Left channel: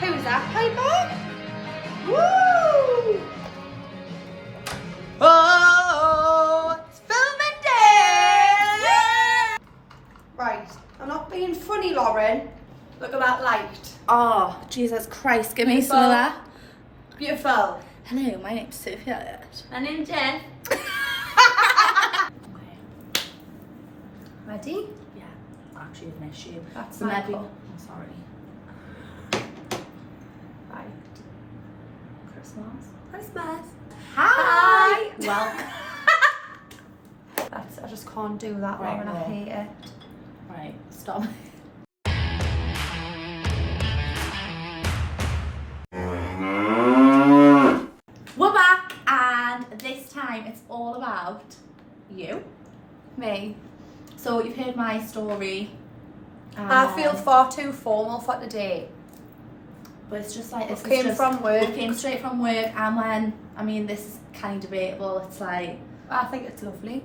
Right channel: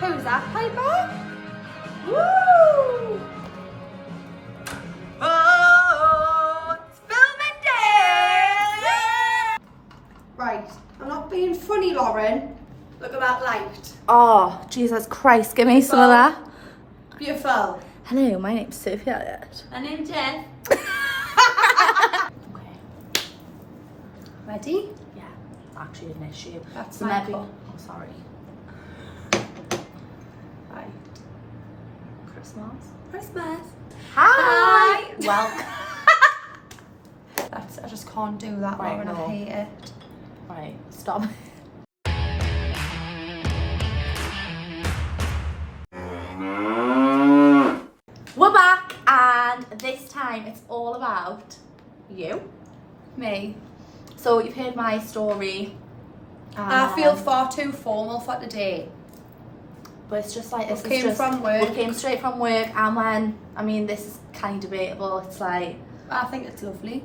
Who's that, Piper? Woo! Oh, it's filming day! Right, I'm not being funny, Lauren. Look at that light. Oh, Jesus Christ, give me some of that. Beautiful. Hello, my name's Sophie. My name's Jen. Ready? Yeah, actually an issue. That's so my maybe. call. Oh, sorry. Right. Christmas. Hi. Well, I just can't do that, Right, Lauren. I no. hate it. right, stop. We're back, and this time it's all about you. Me. So you've heard my story. I feel far too formal for today. But it's just like this. We came from work. We came straight from work, and when this is kind of debatable. It's like. I think it's lovely.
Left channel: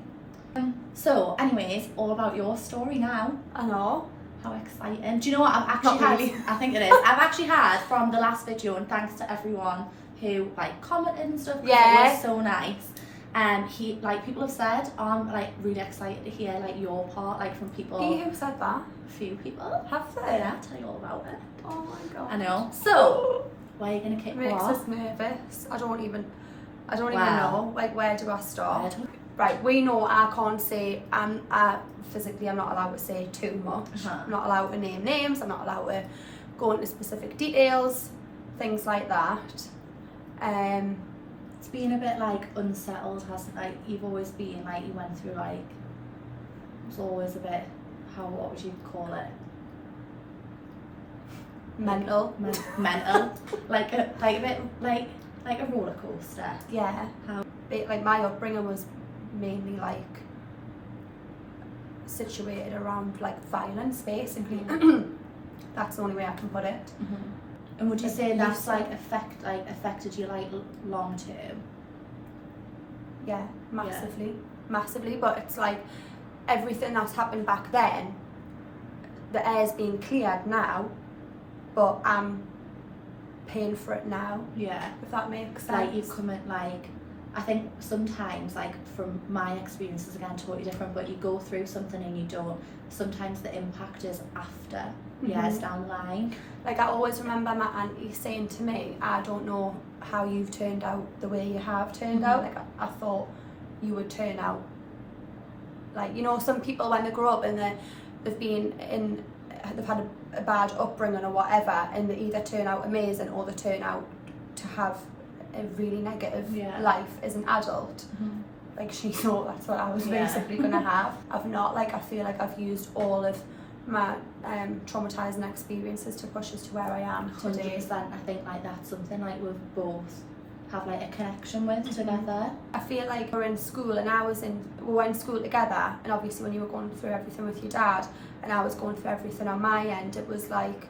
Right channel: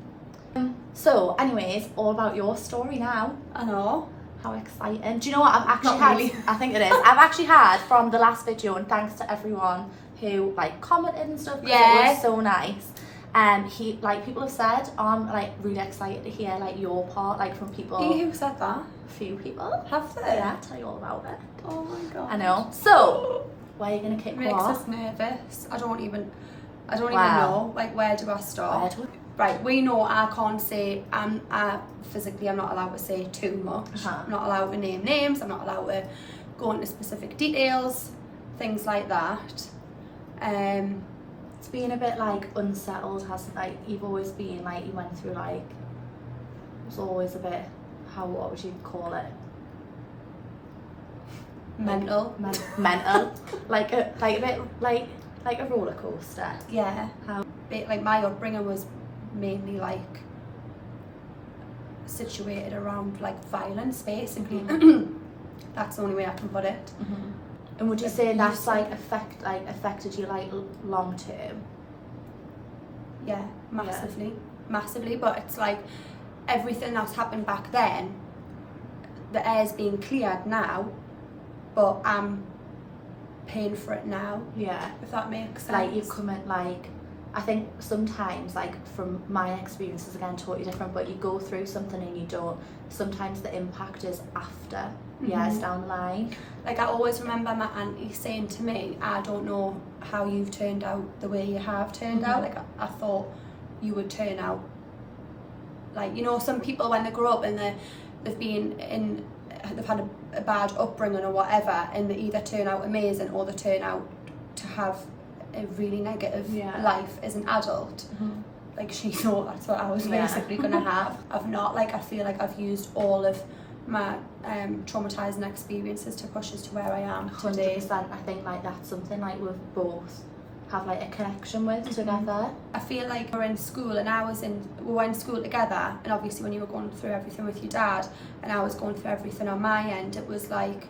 So, anyways, all about your story now. I know. How exciting! Do you know what I've actually Not had? really. I think it is. I've actually had from the last video, and thanks to everyone who like commented and stuff. 'Cause Yeah. it was so nice. He people have said I'm like really excited to hear like your part like from people. Who said that? Few people. Have they? Yeah, I'll tell you all about it. Oh my god. I know. So, where are you gonna kick It makes off? us nervous. I don't even Wow. know. Like, where do I start? Where do Right, we know I can't say, physically I'm not allowed to say too much. Uh-huh. I'm not allowed to name names, I'm not allowed to go into specific details, things like that. It's been a bit like unsettled, hasn't like you've always been like you went through like it was always a bit what would you call it? Mental. Mental. like a bit like a roller coaster. Yeah. Like my upbringing was mainly like situated around like violence basically. That's the only way I can put it. Mm-hmm. And would you say You that's said- like affected you like long term? Yeah, massively, but it's like everything that's happened back then, the air's being cleared now, but I'm paying for it now, Yeah. if that makes sense. Like you come at like I think sometimes like from my experiences again totally different, but you go through something and you don't, sometimes the impact is after years down the line. Like I always remember my auntie saying to me, I don't know how you've turned out the way you have turned out. Like I thought you would turn out like, you know, some people when they grow up and they've had a bad upbringing or whatever, and they either turn out amazing or they turn out to have a really negative life as an adult. Like she thought that's what I was basically gonna have. I've not, like I feel like I've used all of my traumatizing experiences to push us to where I am today. 100%. I think like that's something like we've both have like a connection with together. I feel like we're in school and we were in school together, and obviously when you were going through everything with your dad and I was going through everything on my end, it was like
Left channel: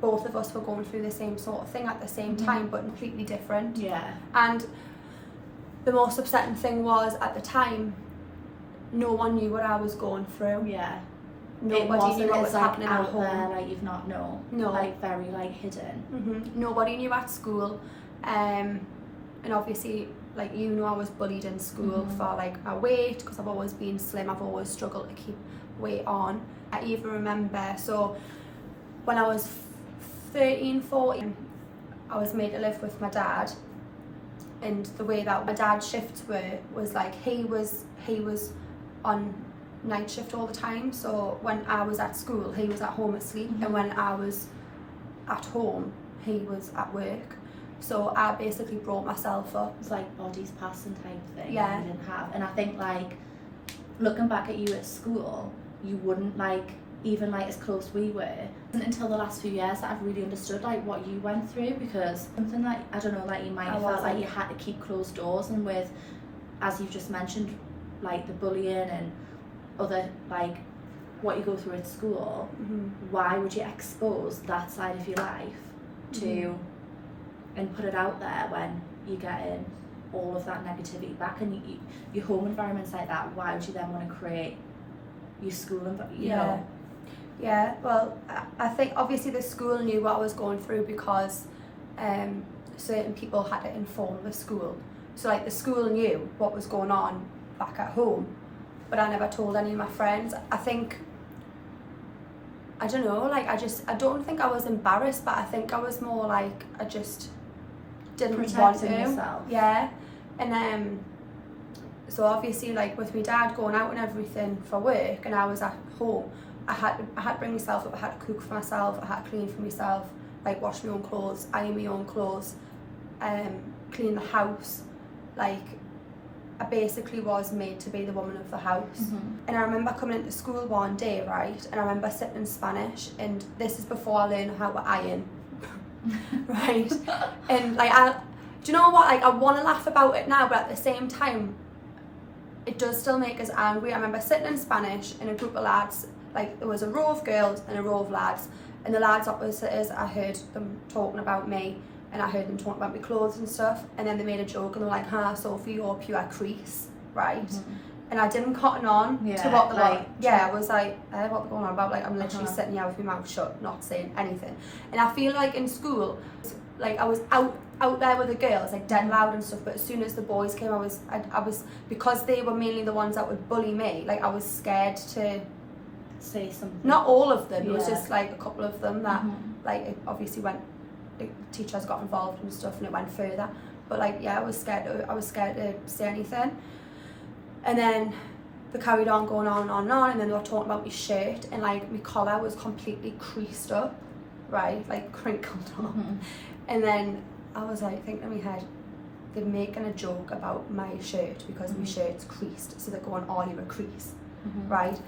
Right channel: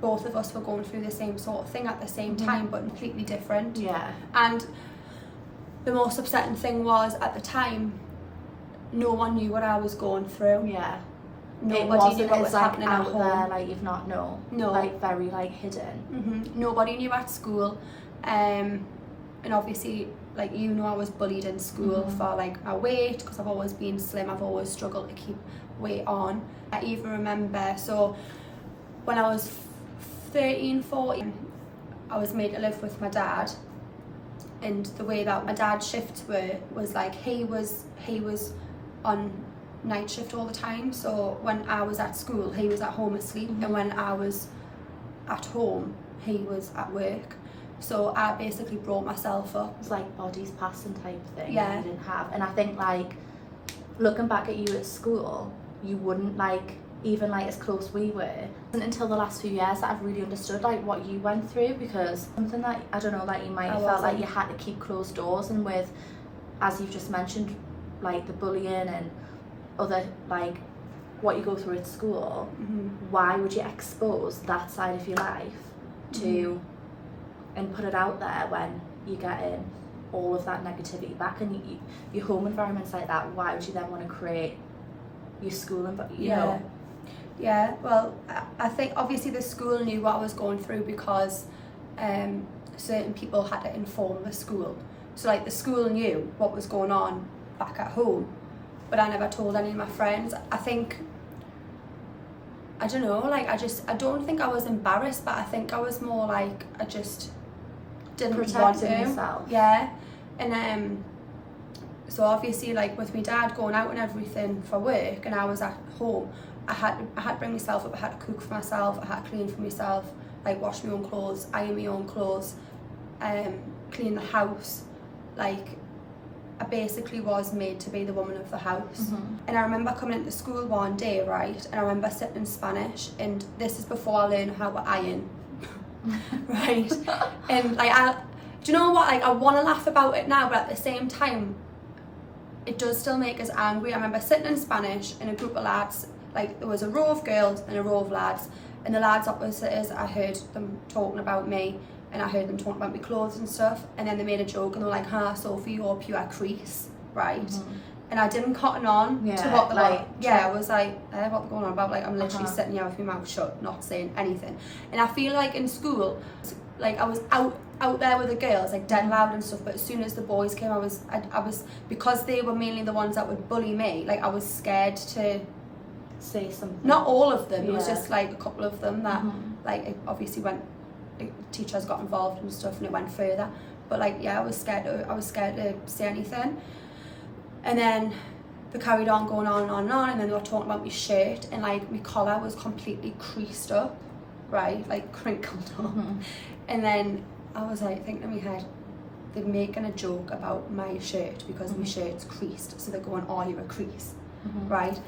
both of us were going through the same sort of thing at the same time, but completely different. Yeah. And the most upsetting thing was at the time no one knew what I was going through. Yeah. Nobody knew what was like, happening at out home. there, like you've not known. No. Like very like hidden. Nobody knew at school, and obviously like you know I was bullied in school for like my weight, because I've always been slim. I've always struggled to keep weight on. I even remember, so when I was 13, 14, I was made to live with my dad, and the way that my dad's shifts were was like he was on night shift all the time. So when I was at school he was at home asleep, and when I was at home he was at work. So I basically brought myself up. It's like bodies passing type thing. Yeah. That you didn't have. And I think like looking back at you at school, you wouldn't like even like as close we were. It wasn't until the last few years that I've really understood like what you went through, because something that I don't know, like you might have felt like you had to keep closed doors, and with, as you just mentioned, like the bullying and other like what you go through at school, why would you expose that side of your life to and put it out there when you're getting all of that negativity back, and your home environment's like that? Why would you then want to create your school environment? Yeah, well, I think obviously the school knew what I was going through because certain people had to inform the school. So like the school knew what was going on back at home, but I never told any of my friends. I think, I don't know, like I don't think I was embarrassed, but I think I was more like, I just didn't want to. Protecting yourself. Yeah, and so obviously like with my dad going out and everything for work and I was at home, I had to bring myself up, I had to cook for myself, I had to clean for myself, like wash my own clothes, iron my own clothes, clean the house. Like I basically was made to be the woman of the house. Mm-hmm. And I remember coming into school one day, right, and I remember sitting in Spanish, and this is before I learned how to iron. Right, and like do you know what, like I want to laugh about it now, but at the same time it does still make us angry. I remember sitting in Spanish in a group of lads, like there was a row of girls and a row of lads, and the lads opposite us, I heard them talking about me and I heard them talking about my clothes and stuff, and then they made a joke and they were like, Sophie, you're pure crease, right? Mm-hmm. And I didn't cotton on to what they were, I was like, what they're going on about, like I'm literally sitting here with my mouth shut, not saying anything. And I feel like in school, like I was out there with the girls, like dead loud and stuff, but as soon as the boys came, I was, because they were mainly the ones that would bully me, like I was scared to say something. Not all of them, it was just like a couple of them that like it obviously went, like, teachers got involved and stuff and it went further, but like I was scared to say anything. And then they carried on going on and on and on, and then they were talking about my shirt, and like my collar was completely creased up, right, like crinkled up. And then I was like thinking in my head, they're making a joke about my shirt because my shirt's creased, so they're going, oh, you're a crease, right?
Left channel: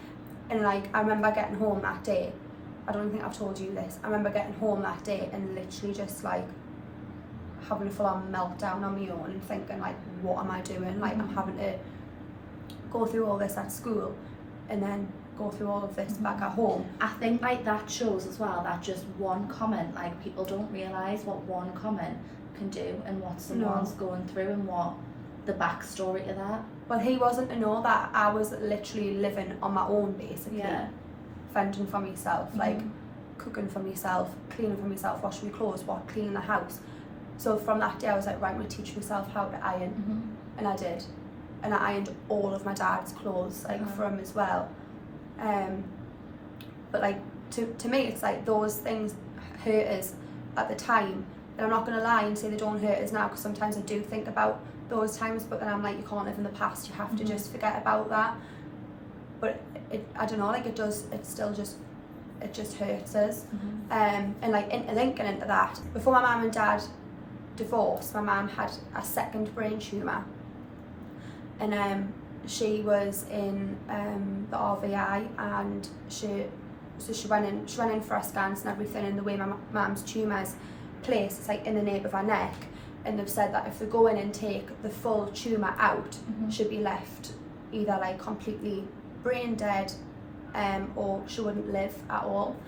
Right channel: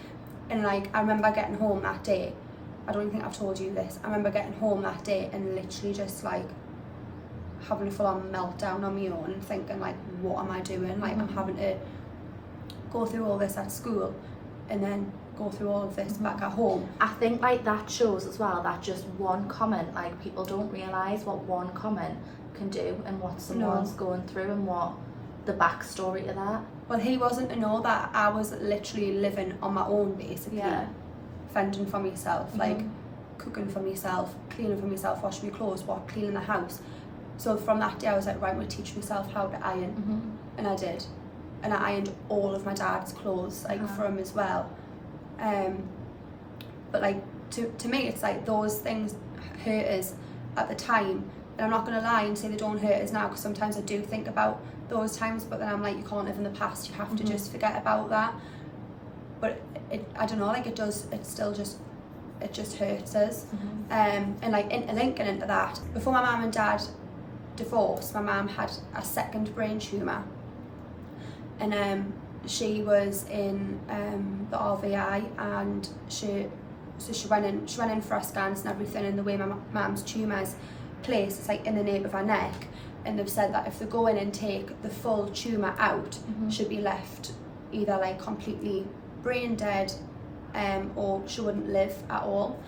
And like I remember getting home that day, I don't even think I've told you this, I remember getting home that day and literally just like having a full-on meltdown on my own and thinking like, what am I doing? Like I'm having to go through all this at school and then go through all of this back at home. I think like that shows as well that just one comment, like people don't realise what one comment can do and what someone's going through and what the backstory to that. Well, he wasn't to know that I was literally living on my own basically, fending for myself, like cooking for myself, cleaning for myself, washing my clothes, cleaning the house. So from that day I was like, right, I'm going to teach myself how to iron, and I did. And I ironed all of my dad's clothes, like for him as well. But like to me, it's like those things hurt us at the time, and I'm not going to lie and say they don't hurt us now, because sometimes I do think about those times, but then I'm like, you can't live in the past, you have to just forget about that. But I don't know, like it just hurts us. And like linking into that, before my mum and dad divorced, my mum had a second brain tumour, and she was in the RVI, and she went in for her scans and everything, and the way my mum's tumour's placed, it's like in the nape of her neck, and they've said that if they go in and take the full tumour out, she'd be left either like completely brain dead, or she wouldn't live at all.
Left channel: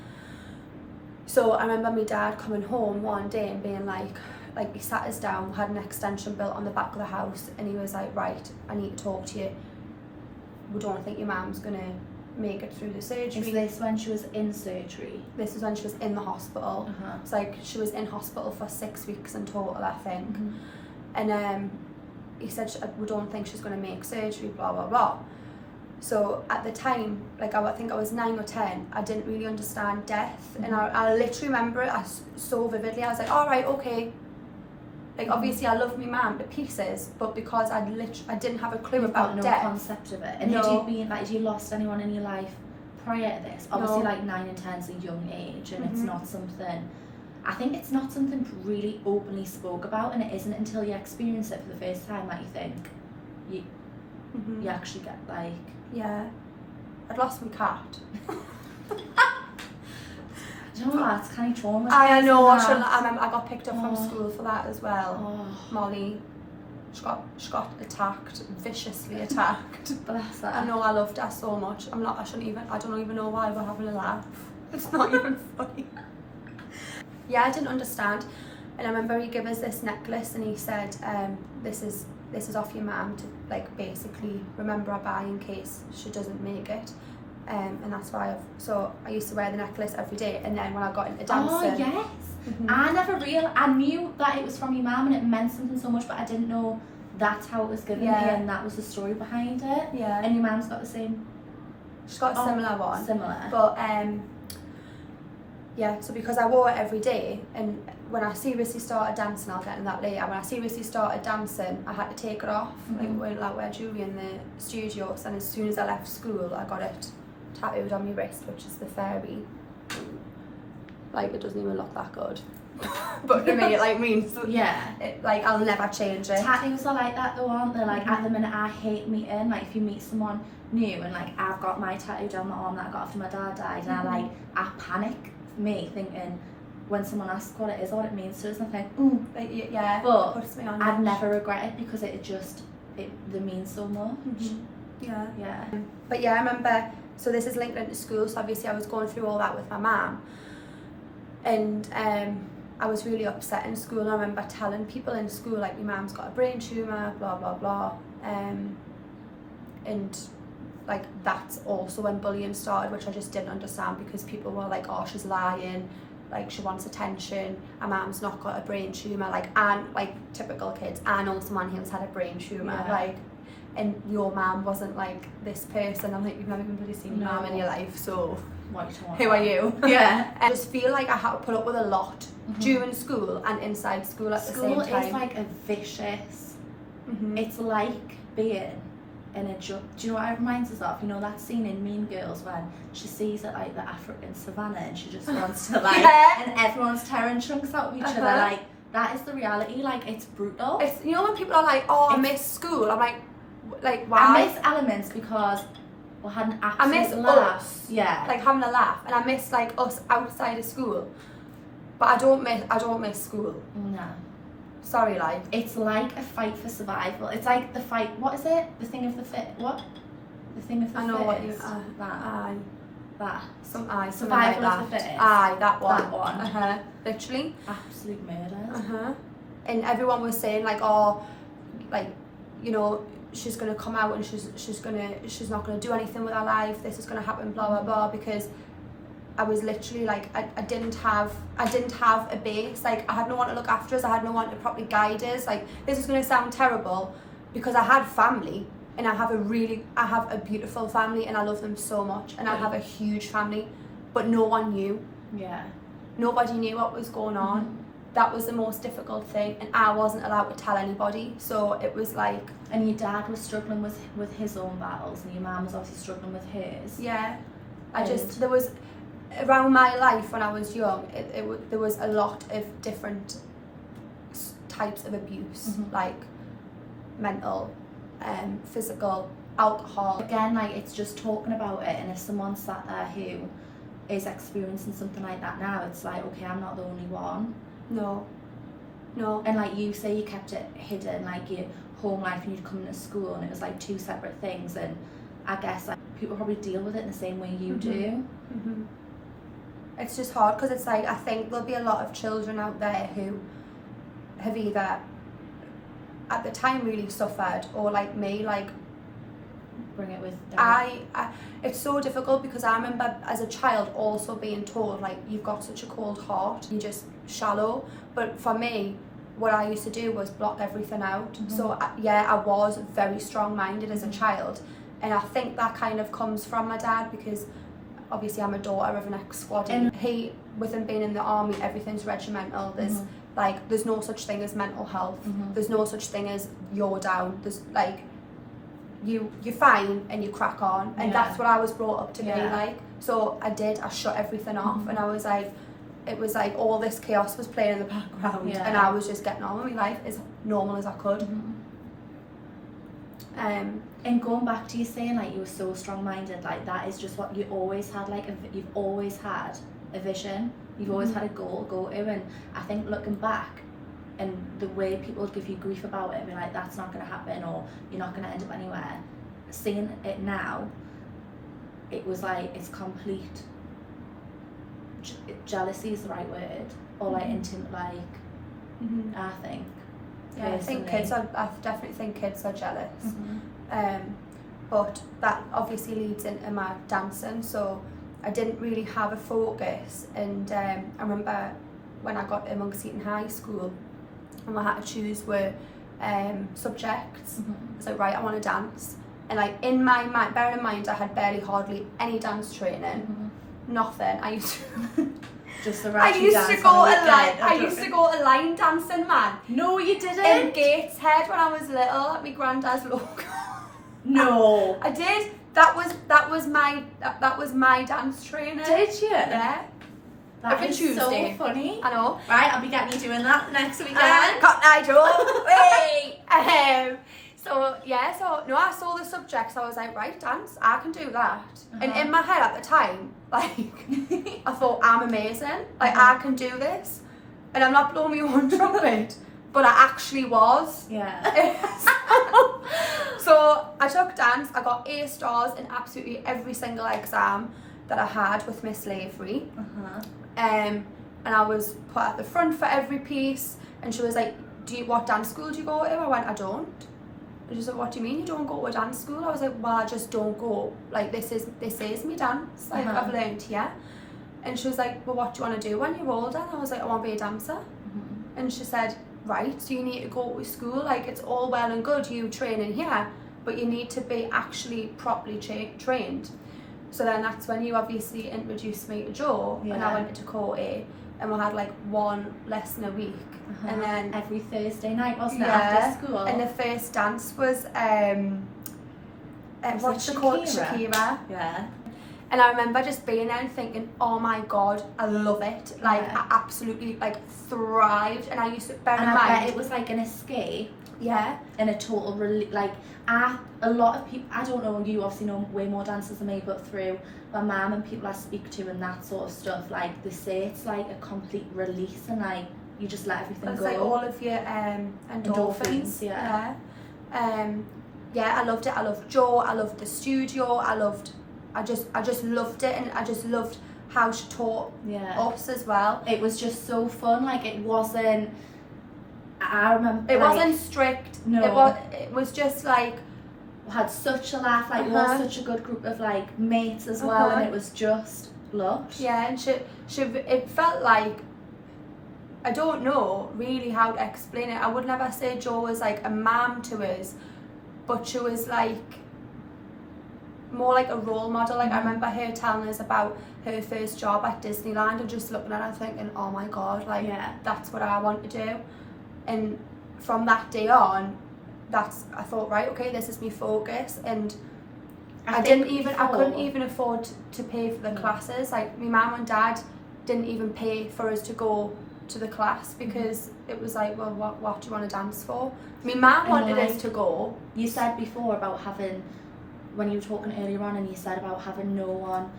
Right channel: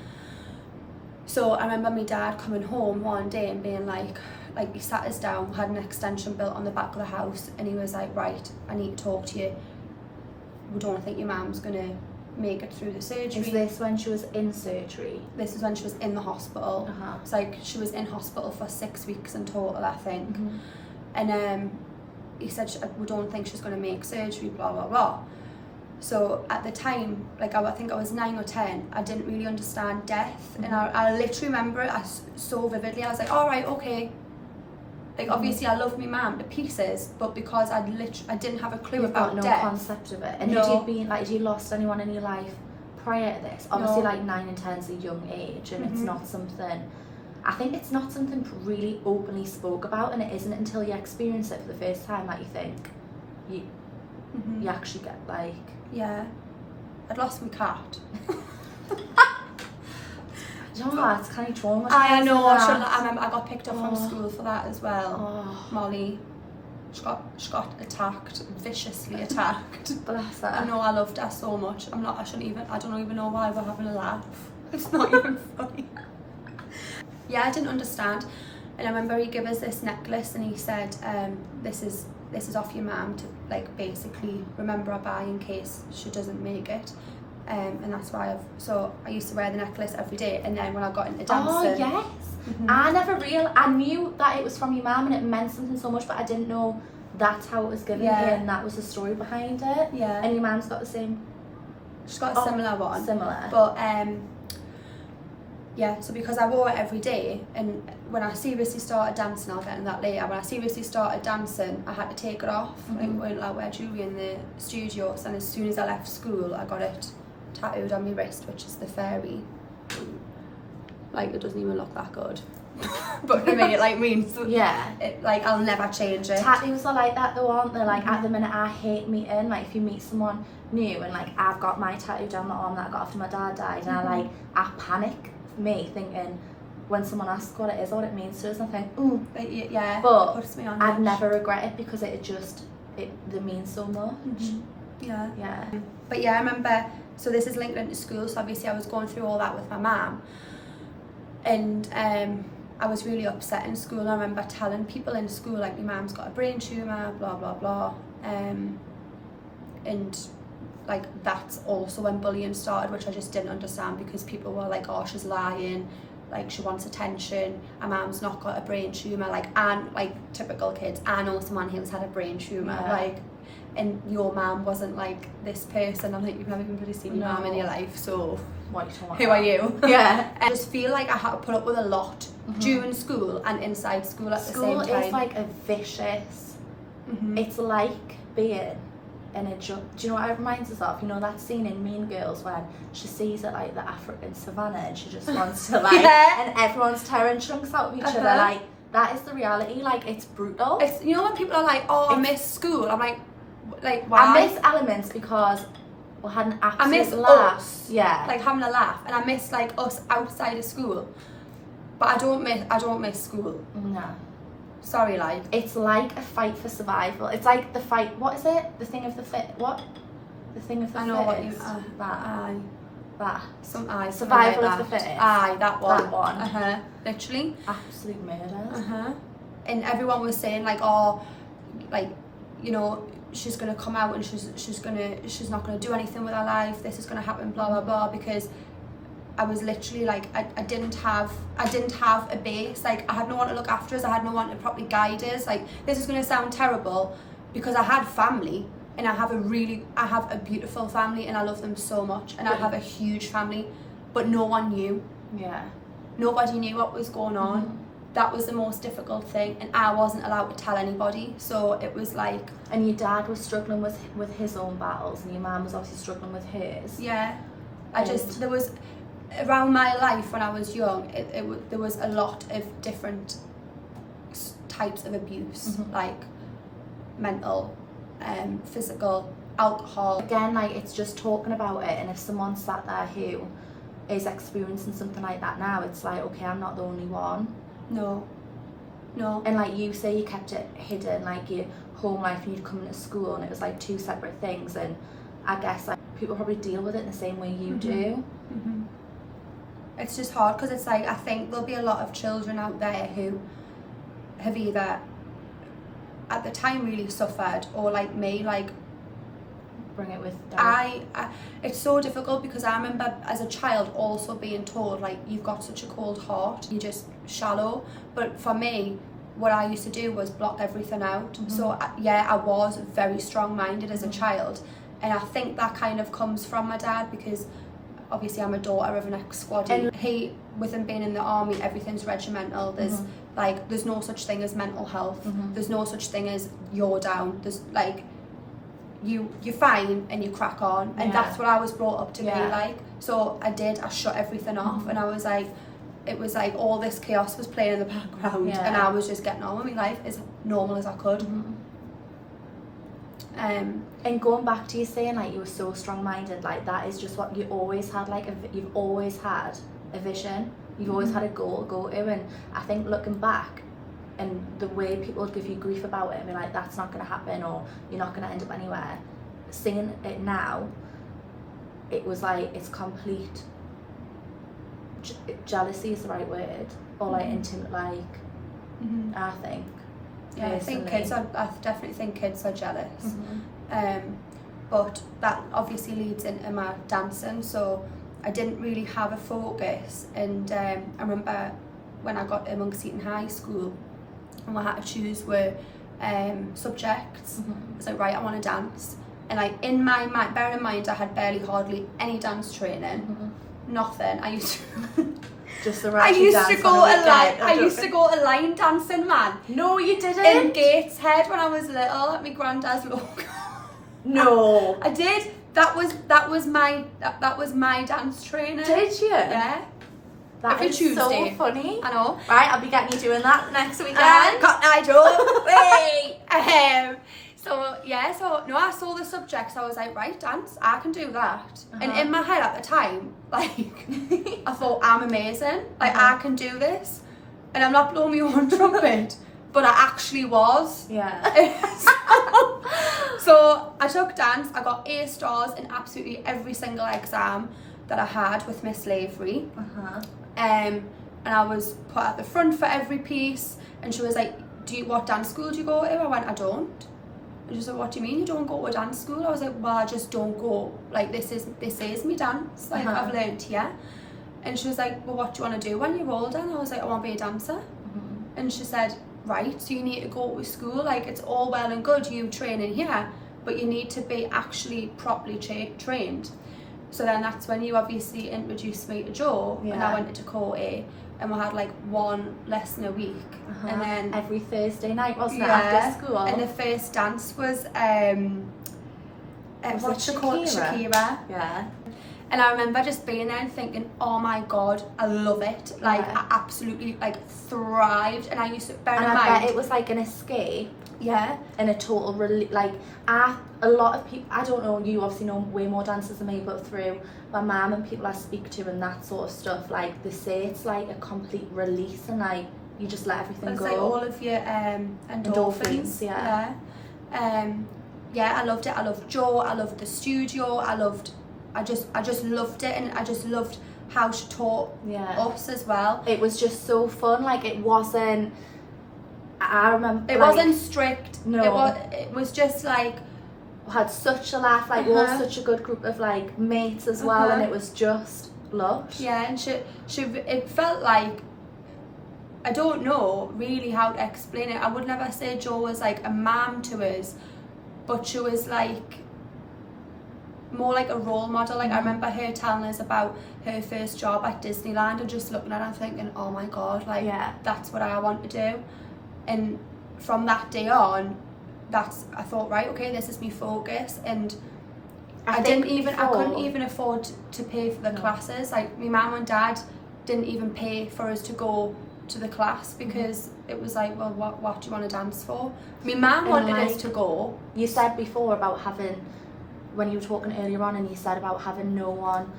So I remember my dad coming home one day and being like he sat us down, had an extension built on the back of the house, and he was like, right, I need to talk to you. We don't think your mum's gonna make it through the surgery. Is this when she was in surgery? This is when she was in the hospital. It's like she was in hospital for 6 weeks in total, I think. And he said, we don't think she's gonna make surgery, blah blah blah. So at the time, like I think I was 9 or 10, I didn't really understand death, and I literally remember it so vividly. I was like, all right, okay. Like obviously I love my mum to pieces, but because I didn't have a clue about death. No concept of it. And had you lost anyone in your life prior to this? Obviously like 9 and 10 is a young age, and it's not something, I think it's not something really openly spoke about, and it isn't until you experience it for the first time that you think you actually get like... Yeah, I'd lost my cat. You know what, it's kind of traumatizing. I know, I remember I got picked up from school for that as well. Molly, she got attacked, viciously attacked. Bless her. I know, I loved her so much. I don't even know why we're having a laugh. It's not even funny. Yeah, I didn't understand. And I remember he gave us this necklace and he said, this is off your mum to like basically remember her by in case she doesn't make it. And that's why I used to wear the necklace every day, and then when I got into dancing. Oh yes. I knew that it was from your mum and it meant something so much, but I didn't know that's how it was given to you and that was the story behind it. Yeah. And your mum's got the same. She's got a similar one. Similar. But yeah, so because I wore it every day, and when I seriously started dancing, I'll get into that later, when I seriously started dancing, I had to take it off. Like, I wouldn't like wear jewellery in the studios, and as soon as I left school, I got it tattooed on my wrist, which is the fairy. Like, it doesn't even look that good. But to me, it like means like I'll never change it. Tattoos are like that though, aren't they? Like at the minute, I hate meeting. Like if you meet someone new, and like I've got my tattoo down my arm that I got after my dad died, and I panic. Me thinking when someone asks what it is or what it means to us, I think, ooh, yeah. But it puts me on I'd edge. never regret it because they mean so much. Yeah. Yeah. But yeah, I remember. So this is linked into school. So obviously, I was going through all that with my mum, and I was really upset in school. And I remember telling people in school, like, my mum's got a brain tumour, blah blah blah, and like that's also when bullying started, which I just didn't understand, because people were like, oh, she's lying, like she wants attention, her mum's not got a brain tumour, like, and like typical kids, I know someone who's had a brain tumour, like, and your mum wasn't like this person. I'm like, you've never even really seen your mum in your life, so what are you talking who about? are you? Yeah. I just feel like I had to put up with a lot during school and inside school at the same time. School is like a vicious, it's like being in a do you know what it reminds us of? You know that scene in Mean Girls when she sees it like the African savannah and she just wants to like and everyone's tearing chunks out of each other, like that is the reality. Like it's brutal. It's, you know when people are like, oh, I miss school, I'm like why? I miss elements because we had an absolute I miss laugh. us, like having a laugh, and I miss like us outside of school, but I don't miss school. No. Sorry, like. It's like a fight for survival. It's like the fight. What is it? The thing of the fit. What? The thing of the fit. I know what you. That. That. Survival like of the that. fittest. Aye, that one. That one. Literally. Absolute murder. And everyone was saying like, oh, like, you know, she's gonna come out and she's not gonna do anything with her life. This is gonna happen. Blah blah blah. Because I was literally like, I didn't have a base. Like, I had no one to look after us. I had no one to properly guide us. Like, this is going to sound terrible because I had family, and I have a beautiful family, and I love them so much, and I have a huge family, but no one knew. Yeah. Nobody knew what was going on. That was the most difficult thing, and I wasn't allowed to tell anybody. So it was like. And your dad was struggling with his own battles, and your mum was obviously struggling with his. Yeah. There was. Around my life when I was young, there was a lot of different types of abuse, like mental, physical, alcohol. Again, like it's just talking about it, and if someone sat there who is experiencing something like that now, it's like, okay, I'm not the only one. No. And like you say, you kept it hidden, like your home life and you'd come into school, and it was like two separate things, and I guess like people probably deal with it in the same way you do. It's just hard because it's like, I think there'll be a lot of children out there who have either at the time really suffered, or like me, like bring it with them. I it's so difficult because I remember as a child also being told like, you've got such a cold heart, you're just shallow. But for me, what I used to do was block everything out. So yeah, I was very strong-minded as a child, and I think that kind of comes from my dad, because obviously I'm a daughter of an ex-squad, and he, with him being in the army, everything's regimental. There's like, there's no such thing as mental health. There's no such thing as you're down. There's like, you're fine and you crack on, and that's what I was brought up to be like. So I shut everything off, and I was like, it was like all this chaos was playing in the background, and I was just getting on with my life as normal as I could. And going back to you saying like you were so strong-minded, like that is just what you always had, like you've always had a vision, you've always had a goal to go to. And I think looking back, and the way people would give you grief about it and be like, that's not going to happen, or you're not going to end up anywhere, seeing it now, it was like, it's complete jealousy is the right word, or like intimate, like I think. Yeah, I think I definitely think kids are jealous. but that obviously leads into my dancing, so I didn't really have a focus. And I remember when I got to Monk's Eaton High School and we had to choose were subjects. I was like, right, I want to dance. And like in my mind, bearing in mind I had hardly any dance training, nothing. I used to Just the I used to go to line dancing, man. No, you didn't. In Gateshead when I was little at my granddad's local. No. I did. That was my dance training. Did you? Yeah. Every Tuesday. So funny. I know. Right, I'll be getting you doing that next weekend. I don't. Wait. So yeah, I saw the subjects. I was like, right, dance, I can do that. And in my head at the time, like, I thought I'm amazing. Like I can do this, and I'm not blowing my own trumpet, but I actually was. Yeah. So I took dance. I got A stars in absolutely every single exam that I had with Miss Lavery. And I was put at the front for every piece. And she was like, what dance school do you go to? I went, I don't. And she said, what do you mean you don't go to a dance school? I was like, well, I just don't go. Like, this is me dance. Like, I've learned here. And she was like, well, what do you want to do when you're older? And I was like, I want to be a dancer. And she said, right, so you need to go to school. Like, it's all well and good you training here, but you need to be actually properly trained. So then that's when you obviously introduced me to Joe, and I went into Dakota, and we had like one lesson a week. And then every Thursday night, wasn't it, after school? And the first dance was what's it called? Shakira. Yeah. And I remember just being there and thinking, oh my god, I love it. Like I absolutely like thrived. And I used to bear in mind, I bet it was like an escape. Yeah. And a total like a lot of people, I don't know, you obviously know way more dancers than me, but through my mum and people I speak to and that sort of stuff, like they say it's like a complete release, and like you just let everything go. It's like all of your endorphins. Yeah. I loved it. I loved Joe. I loved the studio. I just loved it, and I just loved how she taught us as well. It was just so fun. Like it wasn't. I remember. It wasn't strict. No. It was just like. We had such a laugh. Like we were such a good group of like mates as well, and it was just lush. Yeah, and she. It felt like. I don't know really how to explain it. I would never say Jo was like a mum to us, but she was like more like a role model. Like I remember her telling us about her first job at Disneyland and just looking at her and thinking, oh my god, like that's what I want to do. And from that day on, I thought, right, okay, this is my focus. And I couldn't even afford to pay for the classes. Like my mum and dad didn't even pay for us to go to the class because it was like, well, what do you want to dance for? My mum wanted us to go. You said before about having, when you were talking earlier on, and you said about having no one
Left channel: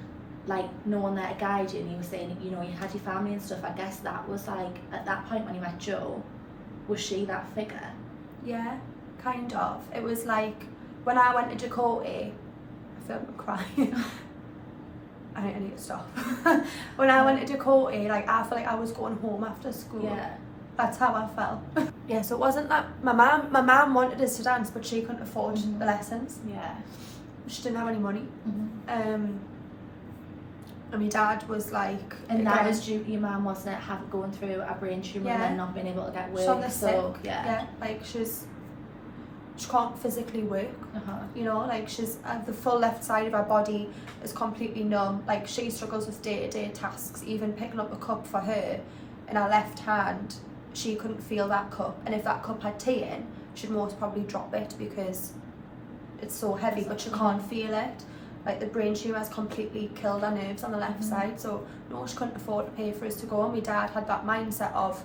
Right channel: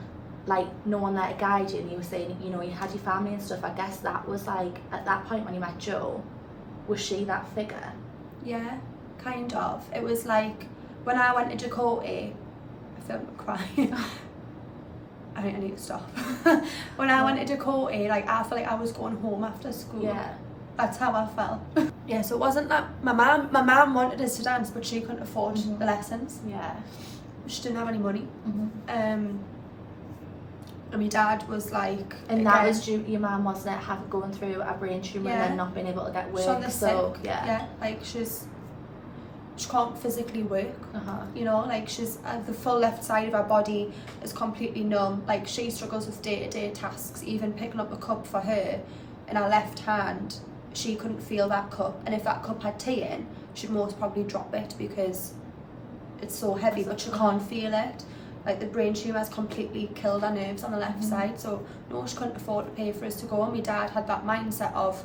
there to guide you, and you were saying, you know, you had your family and stuff. I guess that was like, at that point when you met Jo, was she that figure? Yeah, kind of. It was like, when I went to Dakota, I feel like I'm crying. I need to stop. When I went to Dakota, like I felt like I was going home after school. Yeah. That's how I felt. Yeah, so it wasn't that my mum wanted us to dance, but she couldn't afford the lessons. Yeah. She didn't have any money. And my dad was like, and that was due to your mum, wasn't it, going through a brain tumour and then not being able to get work. Like she can't physically work. You know, like she's the full left side of her body is completely numb. Like she struggles with day-to-day tasks, even picking up a cup for her in her left hand. She couldn't feel that cup, and if that cup had tea in, she'd most probably drop it because it's so heavy, but she can't feel it. Like the brain tumour has completely killed her nerves on the left side, so no, she couldn't afford to pay for us to go. And my dad had that mindset of,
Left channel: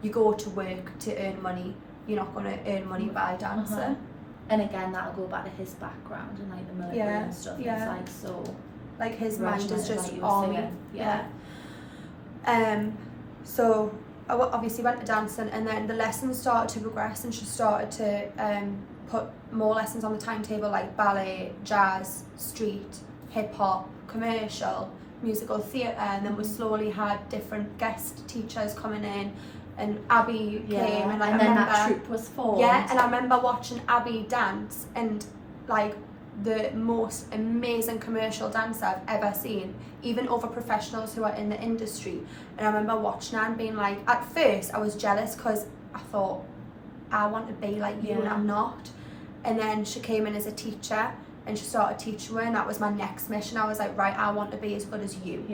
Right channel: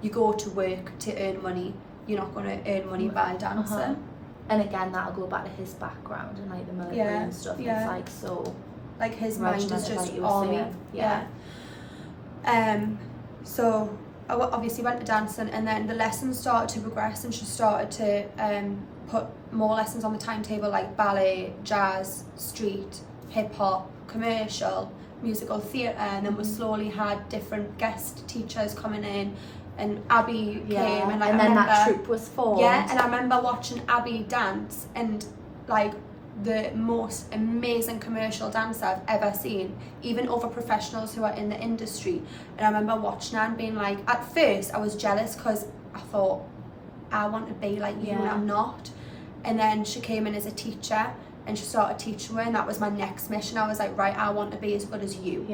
you go to work to earn money, you're not going to earn money by dancing. And again, that'll go back to his background and like the military and stuff. It's like so. Like his mind is just army. So I obviously went to dancing, and then the lessons started to progress, and she started to put more lessons on the timetable, like ballet, jazz, street, hip hop, commercial, musical theatre, and then we slowly had different guest teachers coming in. And Abby came, and like and then that troupe was formed. Yeah, and I remember watching Abby dance, and like the most amazing commercial dancer I've ever seen, even over professionals who are in the industry. And I remember watching her and being like, at first I was jealous because I thought, I want to be like you and I'm not. And then she came in as a teacher and she started teaching me, and that was my next mission. I was like, right, I want to be as good as you.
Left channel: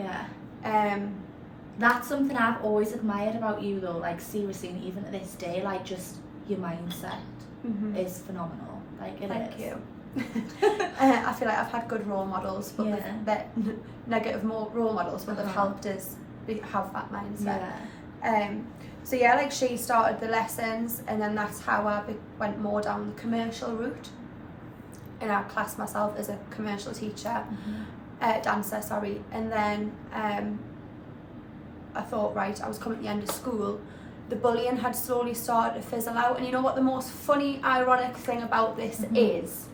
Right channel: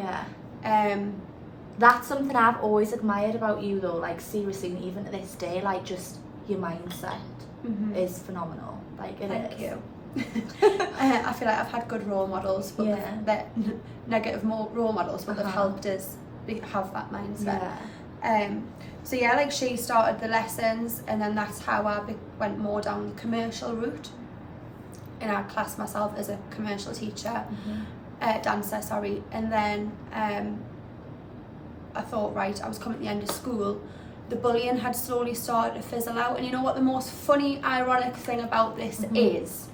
That's something I've always admired about you though, like seriously, and even to this day, like just your mindset is phenomenal. Like it Thank is. you. I feel like I've had good role models, but negative role models, but they've helped us have that mindset. So yeah, like she started the lessons, and then that's how I went more down the commercial route. And I classed myself as a commercial teacher, dancer, sorry. And then I thought, right, I was coming to the end of school. The bullying had slowly started to fizzle out. And you know what the most funny, ironic thing about this is?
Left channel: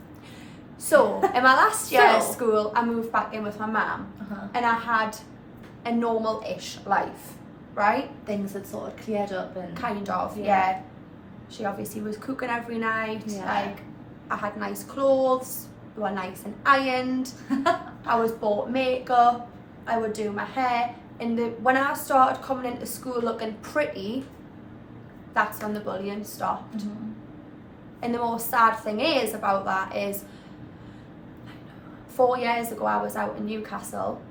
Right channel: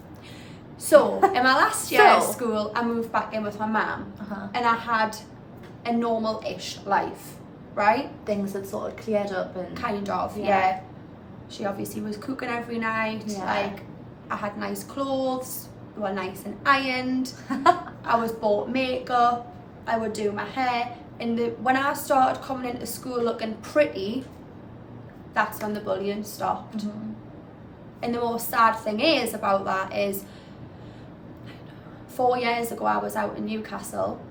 So, in my last year of school, I moved back in with my mum, and I had a normal-ish life, right? Things had sort of cleared up and... Kind of, yeah. She obviously was cooking every night, like, I had nice clothes, they were nice and ironed, I was bought makeup, I would do my hair, and when I started coming into school looking pretty, that's when the bullying stopped. And the most sad thing is about that is, 4 years ago I was out in Newcastle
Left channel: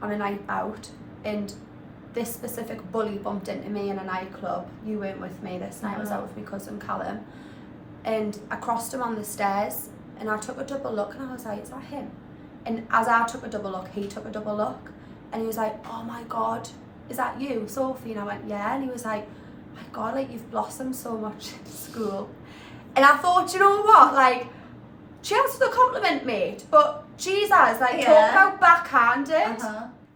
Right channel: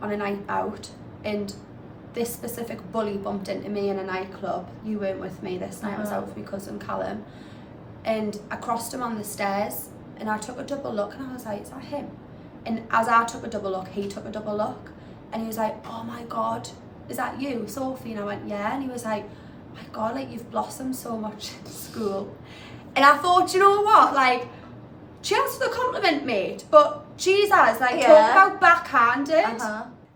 on a night out, and this specific bully bumped into me in a nightclub. You weren't with me this night, I was out with my cousin Callum, and I crossed him on the stairs, and I took a double look, and I was like, is that him? And as I took a double look, he took a double look, and he was like, oh my god, is that you, Sophie? And I went, yeah. And he was like, my god, like, you've blossomed so much in school. And I thought, you know what, like, cheers for the compliment, mate, but Jesus, like, talk about backhanded.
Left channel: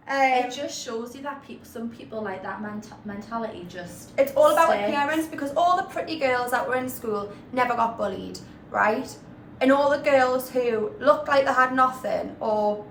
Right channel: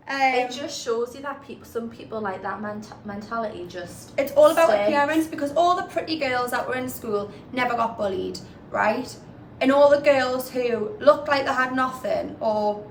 It just shows you that some people like that mentality just... It's all about sticks. appearance, because all the pretty girls that were in school never got bullied, right? And all the girls who looked like they had nothing, or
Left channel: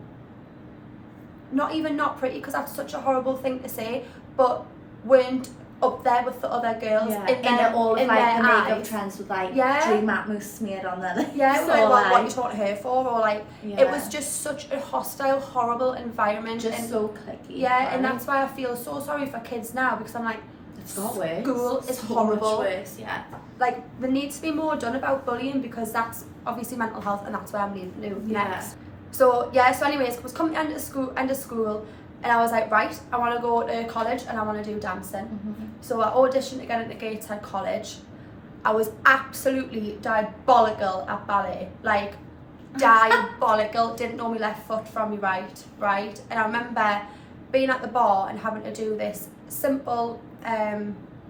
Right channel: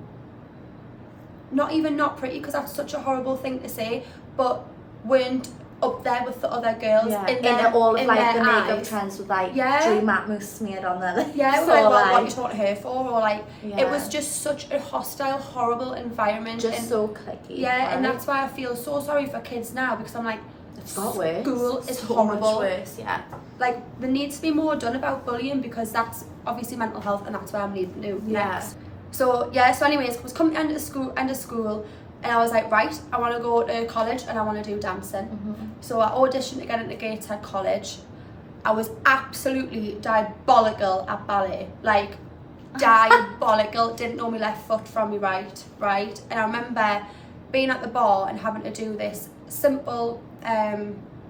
not even not pretty, because that's such a horrible thing to say, but weren't up there with the other girls in all of in like the their makeup eyes. trends with like Drew Matte Mousse smeared on their lips. Yeah, it was or like, what you taught her for, or like, Yeah. it was just such a hostile, horrible environment. Just and, so clicky. yeah, right? and that's why I feel so sorry for kids now, because I'm like, It's got worse. school is so horrible. Much worse, yeah. Like, there needs to be more done about bullying, because that's obviously mental health, and that's where I'm leading to next. So yeah, so anyways, I was coming to end of school, and I was like, right, I want to go to college and I want to do dancing. So I auditioned to get into Gateshead College. I was absolutely diabolical at ballet, like diabolical. Didn't know my left foot from my right. And I remember being at the bar and having to do this simple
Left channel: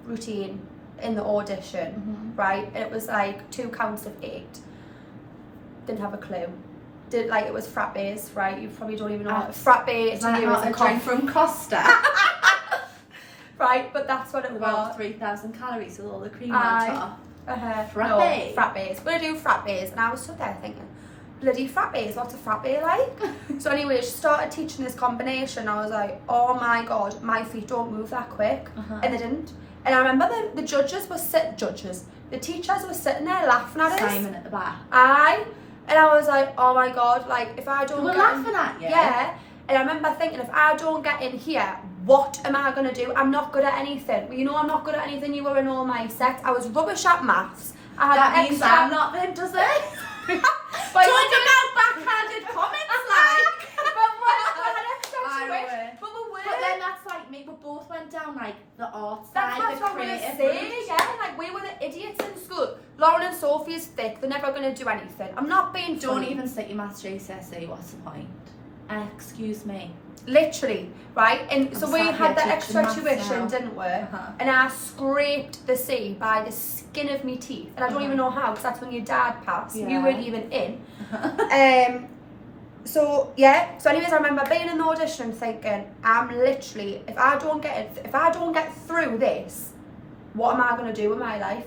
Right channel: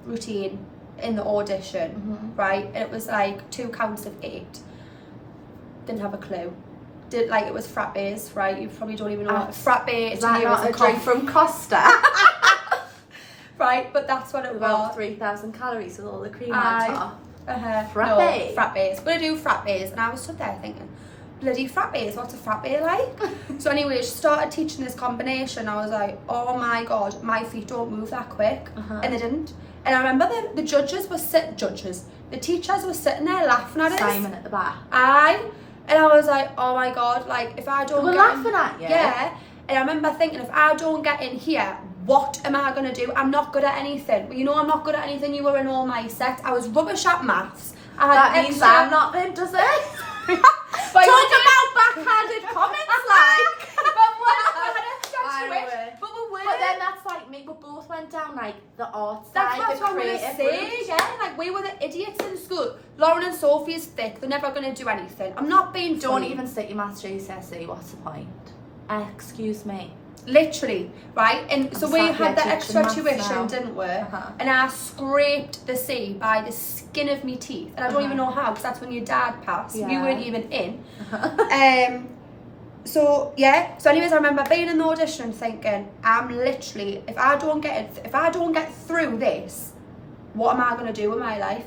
routine in the audition, right? And it was like 2 counts of 8. Didn't have a clue. Like, it was frappes, right? You probably don't even know what frappe is that not a drink from Costa? Right, but that's what it About was. 3,000 calories with all the cream on top. Frappe? Frappe? No, frappes. Gonna do frappes, and I was stood there thinking, bloody frappes, what's a frappe like? So anyway, she started teaching this combination. I was like, oh my god, my feet don't move that quick, and they didn't. And I remember the teachers were sitting there laughing at us. Simon at the back. And I was like, oh my god, like, if I don't They were laughing at you? Yeah. And I remember thinking, if I don't get in here, what am I going to do? I'm not good at anything. Well, you know I'm not good at anything. You were in all my sets. I was rubbish at maths. I had That means I'm not then, does it? But Talk about backhanded comments, like. But then that's like me, we both went down like the art That's side, what the I'm going to creative say, route. yeah. Like, we were the idiots in school. Lauren and Sophie is thick. They're never going to do anything. I'm not being Don't funny. even sit your maths GCSE, what's the point? Excuse me. Literally, right? And so I'm we sat had here that extra teaching maths tuition, now. didn't we? Uh-huh. And I scraped the C by the skin of me teeth. And I don't even know how, because that's when your dad passed. You Yeah. weren't even in. So yeah, so anyways, I remember being in the audition and thinking, I'm literally, if I don't get through this, what am I going to do with my life?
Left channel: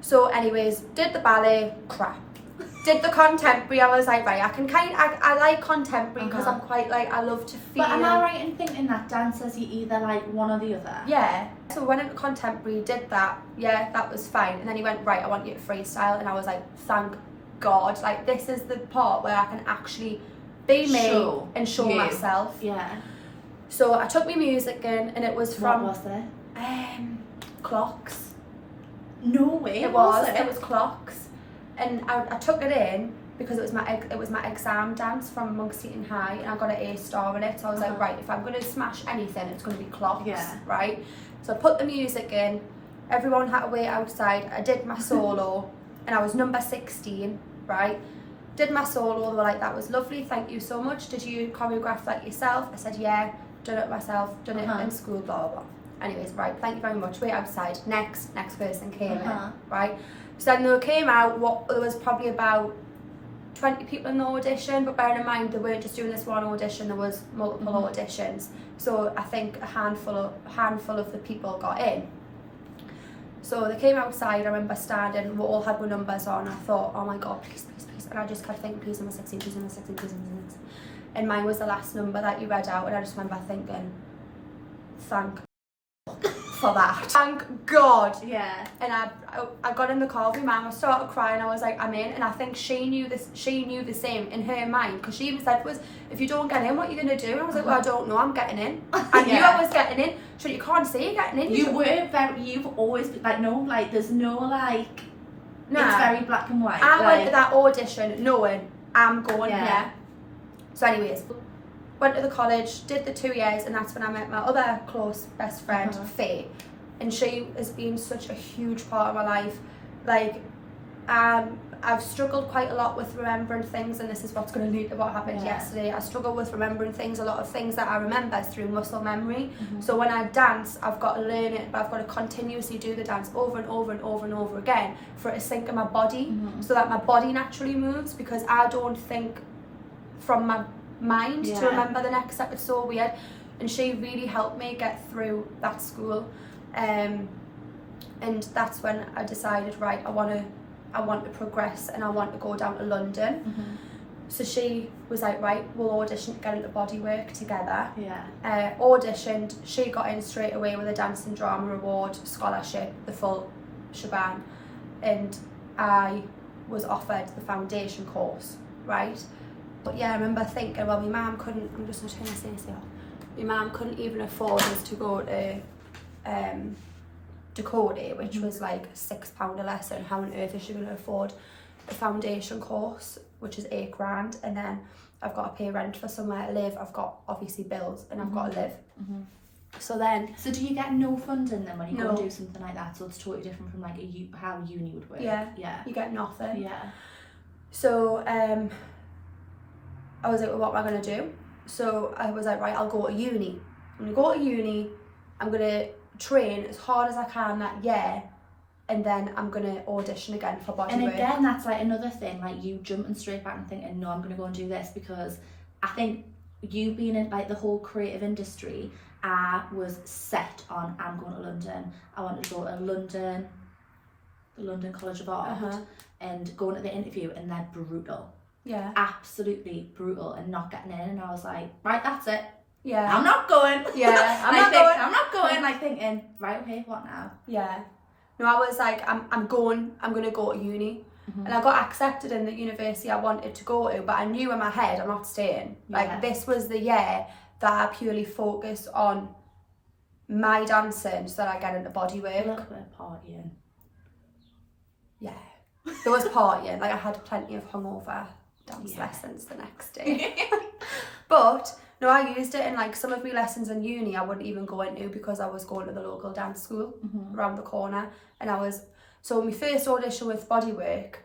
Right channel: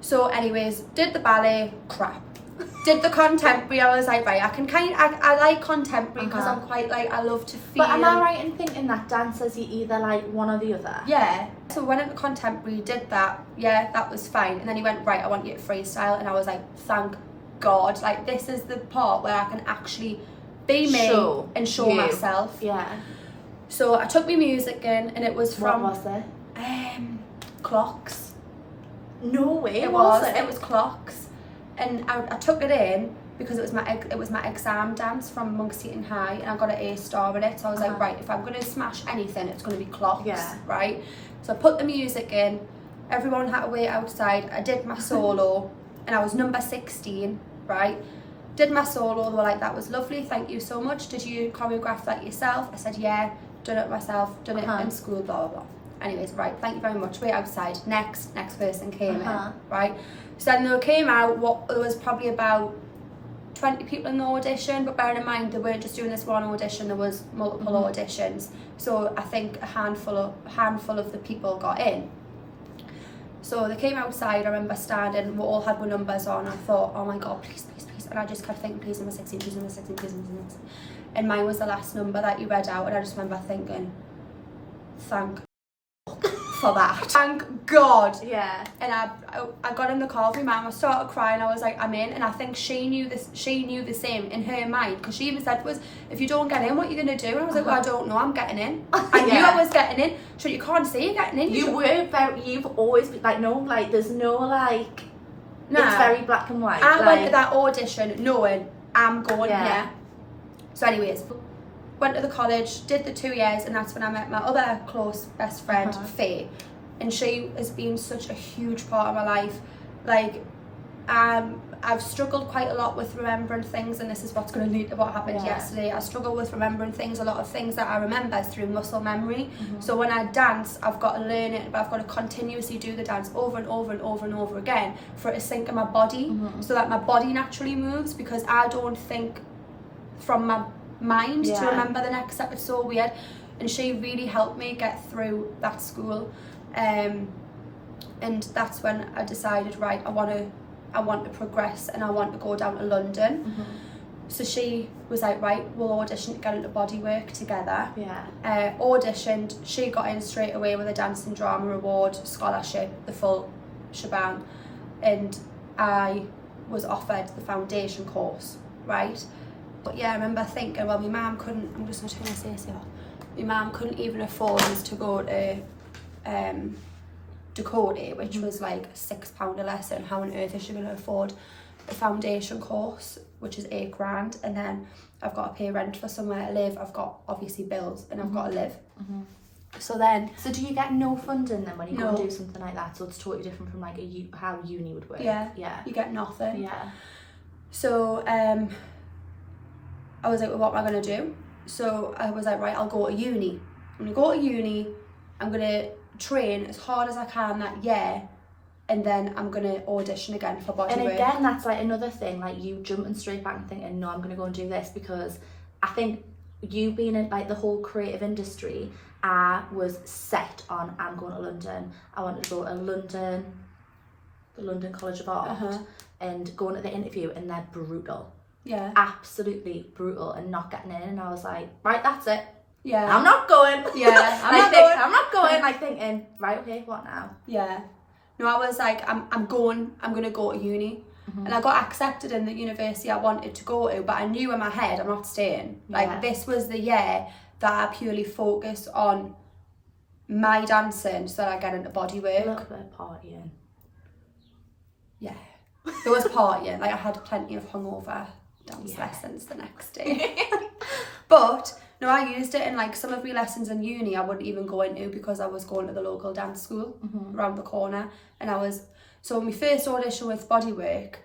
So anyways, did the ballet, crap. Did the contemporary, I was like, right, I like contemporary, because I'm quite like, I love to feel. But am I right in thinking that dancers, you either like one or the other? Yeah. So went into contemporary, did that, yeah, that was fine. And then he went, right, I want you to freestyle. And I was like, thank God, like this is the part where I can actually be me and show myself. Yeah. So I took my music in, and it was from... What was it? Clocks. No way. It was Clocks. And I took it in because it was my exam dance from Monk Seton High, and I got an A star in it. So I was like, right, if I'm going to smash anything, it's going to be Clocks, right? So I put the music in. Everyone had to wait outside. I did my solo, and I was number 16, right? Did my solo. They were like, that was lovely, thank you so much. Did you choreograph that yourself? I said, yeah, done it myself, done it in school, blah, blah, blah. Anyways, right, thank you very much. Wait outside. Next person came in, right? So then they came out, there was probably about 20 people in the audition, but bearing in mind they weren't just doing this one audition, there was multiple auditions. So I think a handful of the people got in. So they came outside, I remember standing, we all had our numbers on. I thought, oh my God, please, please, please. And I just kept thinking, please number 16, please number 16, please number 16. And mine was the last number that you read out, and I just remember thinking, thank for that. Thank God. Yeah. And I got in the car with my mum, I started crying, I was like, I'm in. And I think she knew the same in her mind, because she even said to us, if you don't get in, what are you going to do? And I was like, well, I don't know, I'm getting in. I knew I was getting in. So you can't say you're getting in. You've always been like, no, like, there's no like, it's very black and white. I went to that audition knowing I'm going here. So anyways, went to the college, did the 2 years, and that's when I met my other close best friend, Faye. And she has been such a huge part of my life. Like, I've struggled quite a lot with remembering things, and this is what's going to lead to what happened yesterday. I struggle with remembering things, a lot of things that I remember through muscle memory. So when I dance, I've got to learn it, but I've got to continuously do the dance over and over and over and over again for it to sink in my body, so that my body naturally moves, because I don't think from my mind to remember the next step. It's so weird. And she really helped me get through that school, and that's when I decided, right, I want to progress, and I want to go down to London. So she was like, right, we'll audition to get into bodywork together. Auditioned, she got in straight away with a dance and drama award, scholarship, the full shebang, and I was offered the foundation course, right? But yeah, I remember thinking, well, my mum couldn't, I'm just going to turn this AC off. My mum couldn't even afford us to go to Dakota, which was like £6 a lesson. How on earth is she going to afford a foundation course, which is £8 grand? And then I've got to pay rent for somewhere to live. I've got obviously bills, and I've got to live. So do you get no funding then when you go and do something like that? So it's totally different from like how uni would work. Yeah. You get nothing. Yeah. So I was like, well, what am I going to do? So I was like, right, I'll go to uni. I'm going to go to uni. I'm going to train as hard as I can that year, and then I'm going to audition again for bodywork. And again, that's like another thing, like you jumping straight back and thinking, no, I'm going to go and do this, because I think you being in like the whole creative industry, I was set on, I'm going to London. I wanted to go to London, the London College of Art, and going to the interview, and they're brutal. Yeah. Absolutely brutal, and not getting in. And I was like, right, that's it. Yeah. I'm not going. Yeah. I'm not going. Like thinking, right, okay, what now? Yeah. No, I was like, I'm going to go to uni. And I got accepted in the university I wanted to go to, but I knew in my head I'm not staying. Like this was the year that I purely focused on my dancing so that I get into bodywork. A little bit of partying. Yeah. There was partying. Like I had plenty of hungover dance lessons the next day. But no, I used it in like some of my lessons in uni I wouldn't even go into, because I was going to the local dance school around the corner. And so my first audition with bodywork,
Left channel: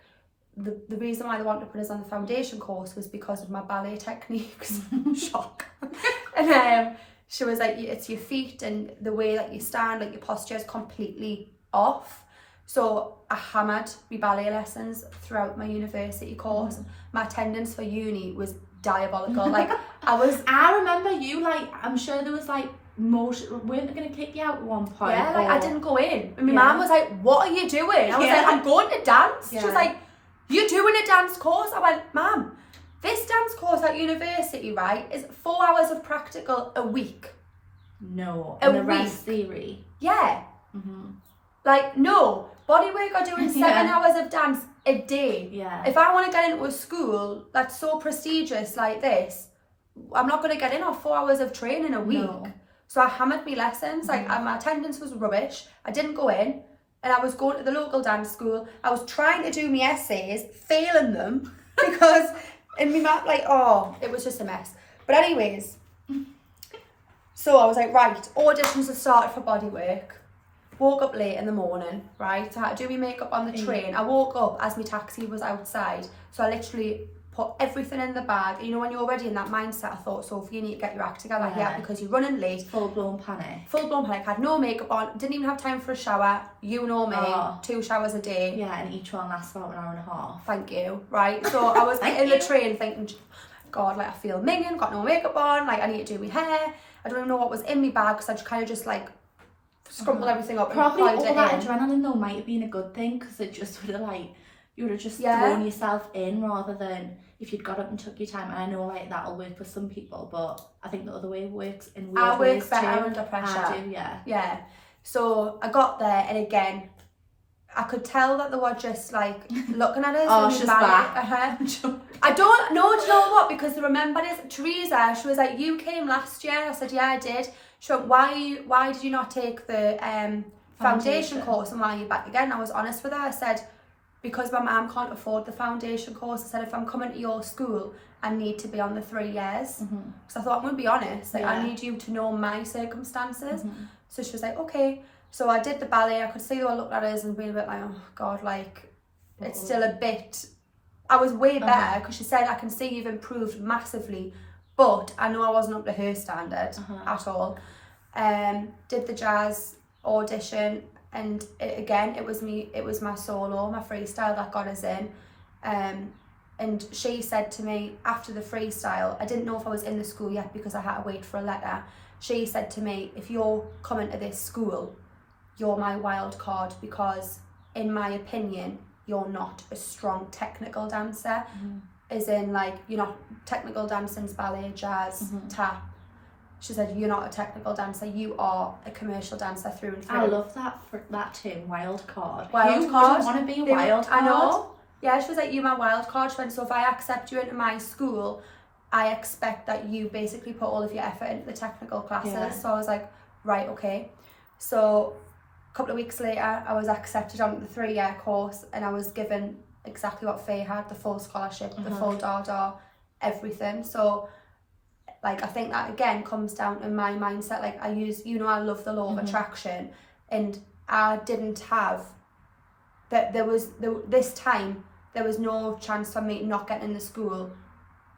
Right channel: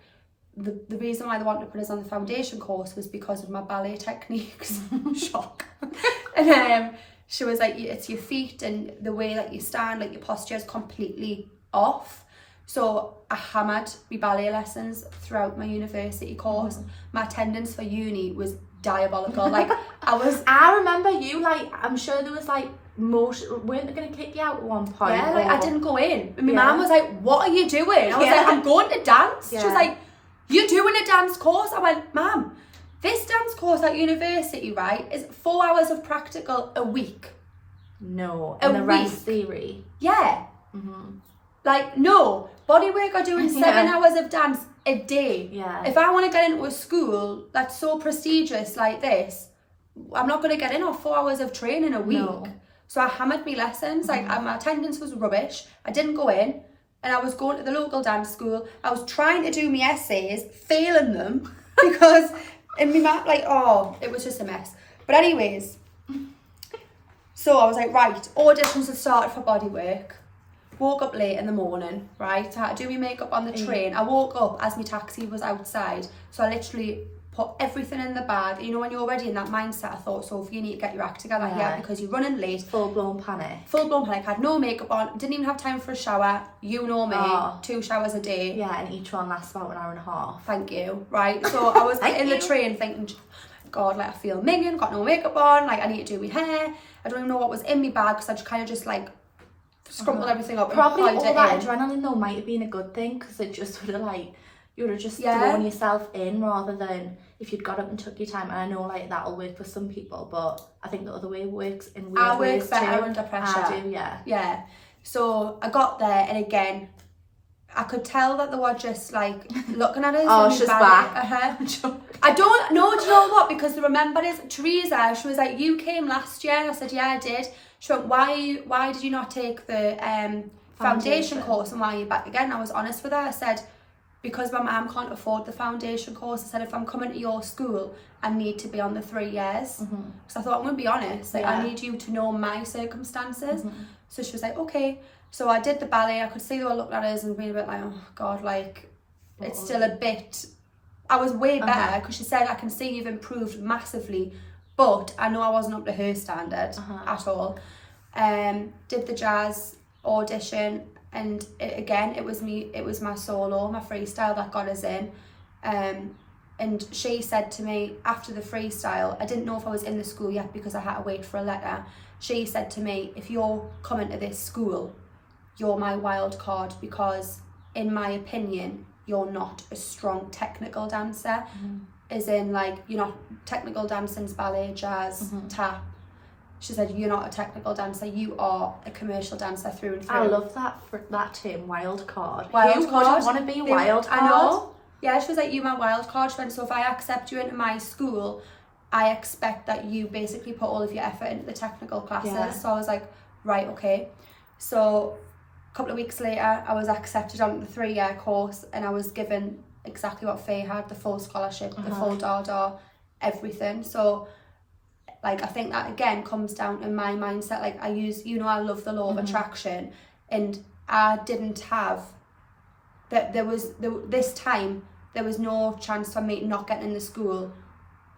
the reason why they wanted to put us on the foundation course was because of my ballet techniques. Shock. And she was like, it's your feet and the way that you stand, like your posture is completely off. So I hammered my ballet lessons throughout my university course. My attendance for uni was diabolical. Like I remember you, like, I'm sure there was like motion, weren't they going to kick you out at one point? Yeah, like I didn't go in. And my mum was like, what are you doing? I was like, I'm going to dance. She was like, you're doing a dance course? I went, Mum, this dance course at university, right, is 4 hours of practical a week. No, and the rest theory. Yeah. Like, no, bodywork are doing 7 hours of dance a day. Yeah. If I want to get into a school that's so prestigious like this, I'm not going to get in off 4 hours of training a week. No. So I hammered my lessons. Like my attendance was rubbish. I didn't go in, and I was going to the local dance school. I was trying to do my essays, failing them because in my math, like, oh, it was just a mess. But anyways, so I was like, right, auditions had started for bodywork. Woke up late in the morning, right? So I had to do my makeup on the train. I woke up as my taxi was outside. So I literally put everything in the bag. You know, when you're already in that mindset, I thought, Sophie, you need to get your act together here because you're running late. Full-blown panic. Full-blown panic. Had no makeup on. Didn't even have time for a shower. You know me. 2 showers a day. Yeah, and each one lasts about an hour and a half. Thank you. Right. So I was in the train thinking, God, like I feel minging, got no makeup on. Like I need to do my hair. I don't even know what was in my bag because I just kind of just like scrumpled everything up and probably plugged all it that in. adrenaline though might have been a good thing because it just would have like you would have just thrown yourself in rather than if you'd got up and took your time. And I know like that'll work for some people, but I think the other way works in weird I ways work better too. under pressure. I do, yeah. So I got there, and again, I could tell that they were just like looking at us. Oh, and she's back. back. I don't know. Do you know what? Because they remembered us. Teresa, she was like, "You came last year." I said, "Yeah, I did." She went, "Why did you not take the foundation course, and why are you back again?" I was honest with her. I said, because my mum can't afford the foundation course. I said, if I'm coming to your school, I need to be on the 3 years. Because I thought, I'm going to be honest, like, I need you to know my circumstances. So she was like, okay. So I did the ballet. I could see they were looking at us and being a bit like, oh God, like, it's still a bit... I was way better because she said, I can see you've improved massively, but I know I wasn't up to her standard at all. Did the jazz audition, and it was my solo, my freestyle that got us in. And she said to me after the freestyle, I didn't know if I was in the school yet because I had to wait for a letter. She said to me, if you're coming to this school, you're my wild card because in my opinion, you're not a strong technical dancer. As in like, you're not technical dancing's ballet, jazz, tap. She said, you're not a technical dancer, you are a commercial dancer through and through. I love that term, wild card. Wild Who card. wouldn't want to be a wild card? I know. Yeah, she was like, you're my wild card. She went, so if I accept you into my school, I expect that you basically put all of your effort into the technical classes. Yeah. So I was like, right, okay. So a couple of weeks later, I was accepted onto the 3-year course, and I was given exactly what Faye had, the full scholarship, the full Dada, everything. So like, I think that again comes down to my mindset. Like I love the law of attraction, and I didn't have that. This time there was no chance for me not getting in the school,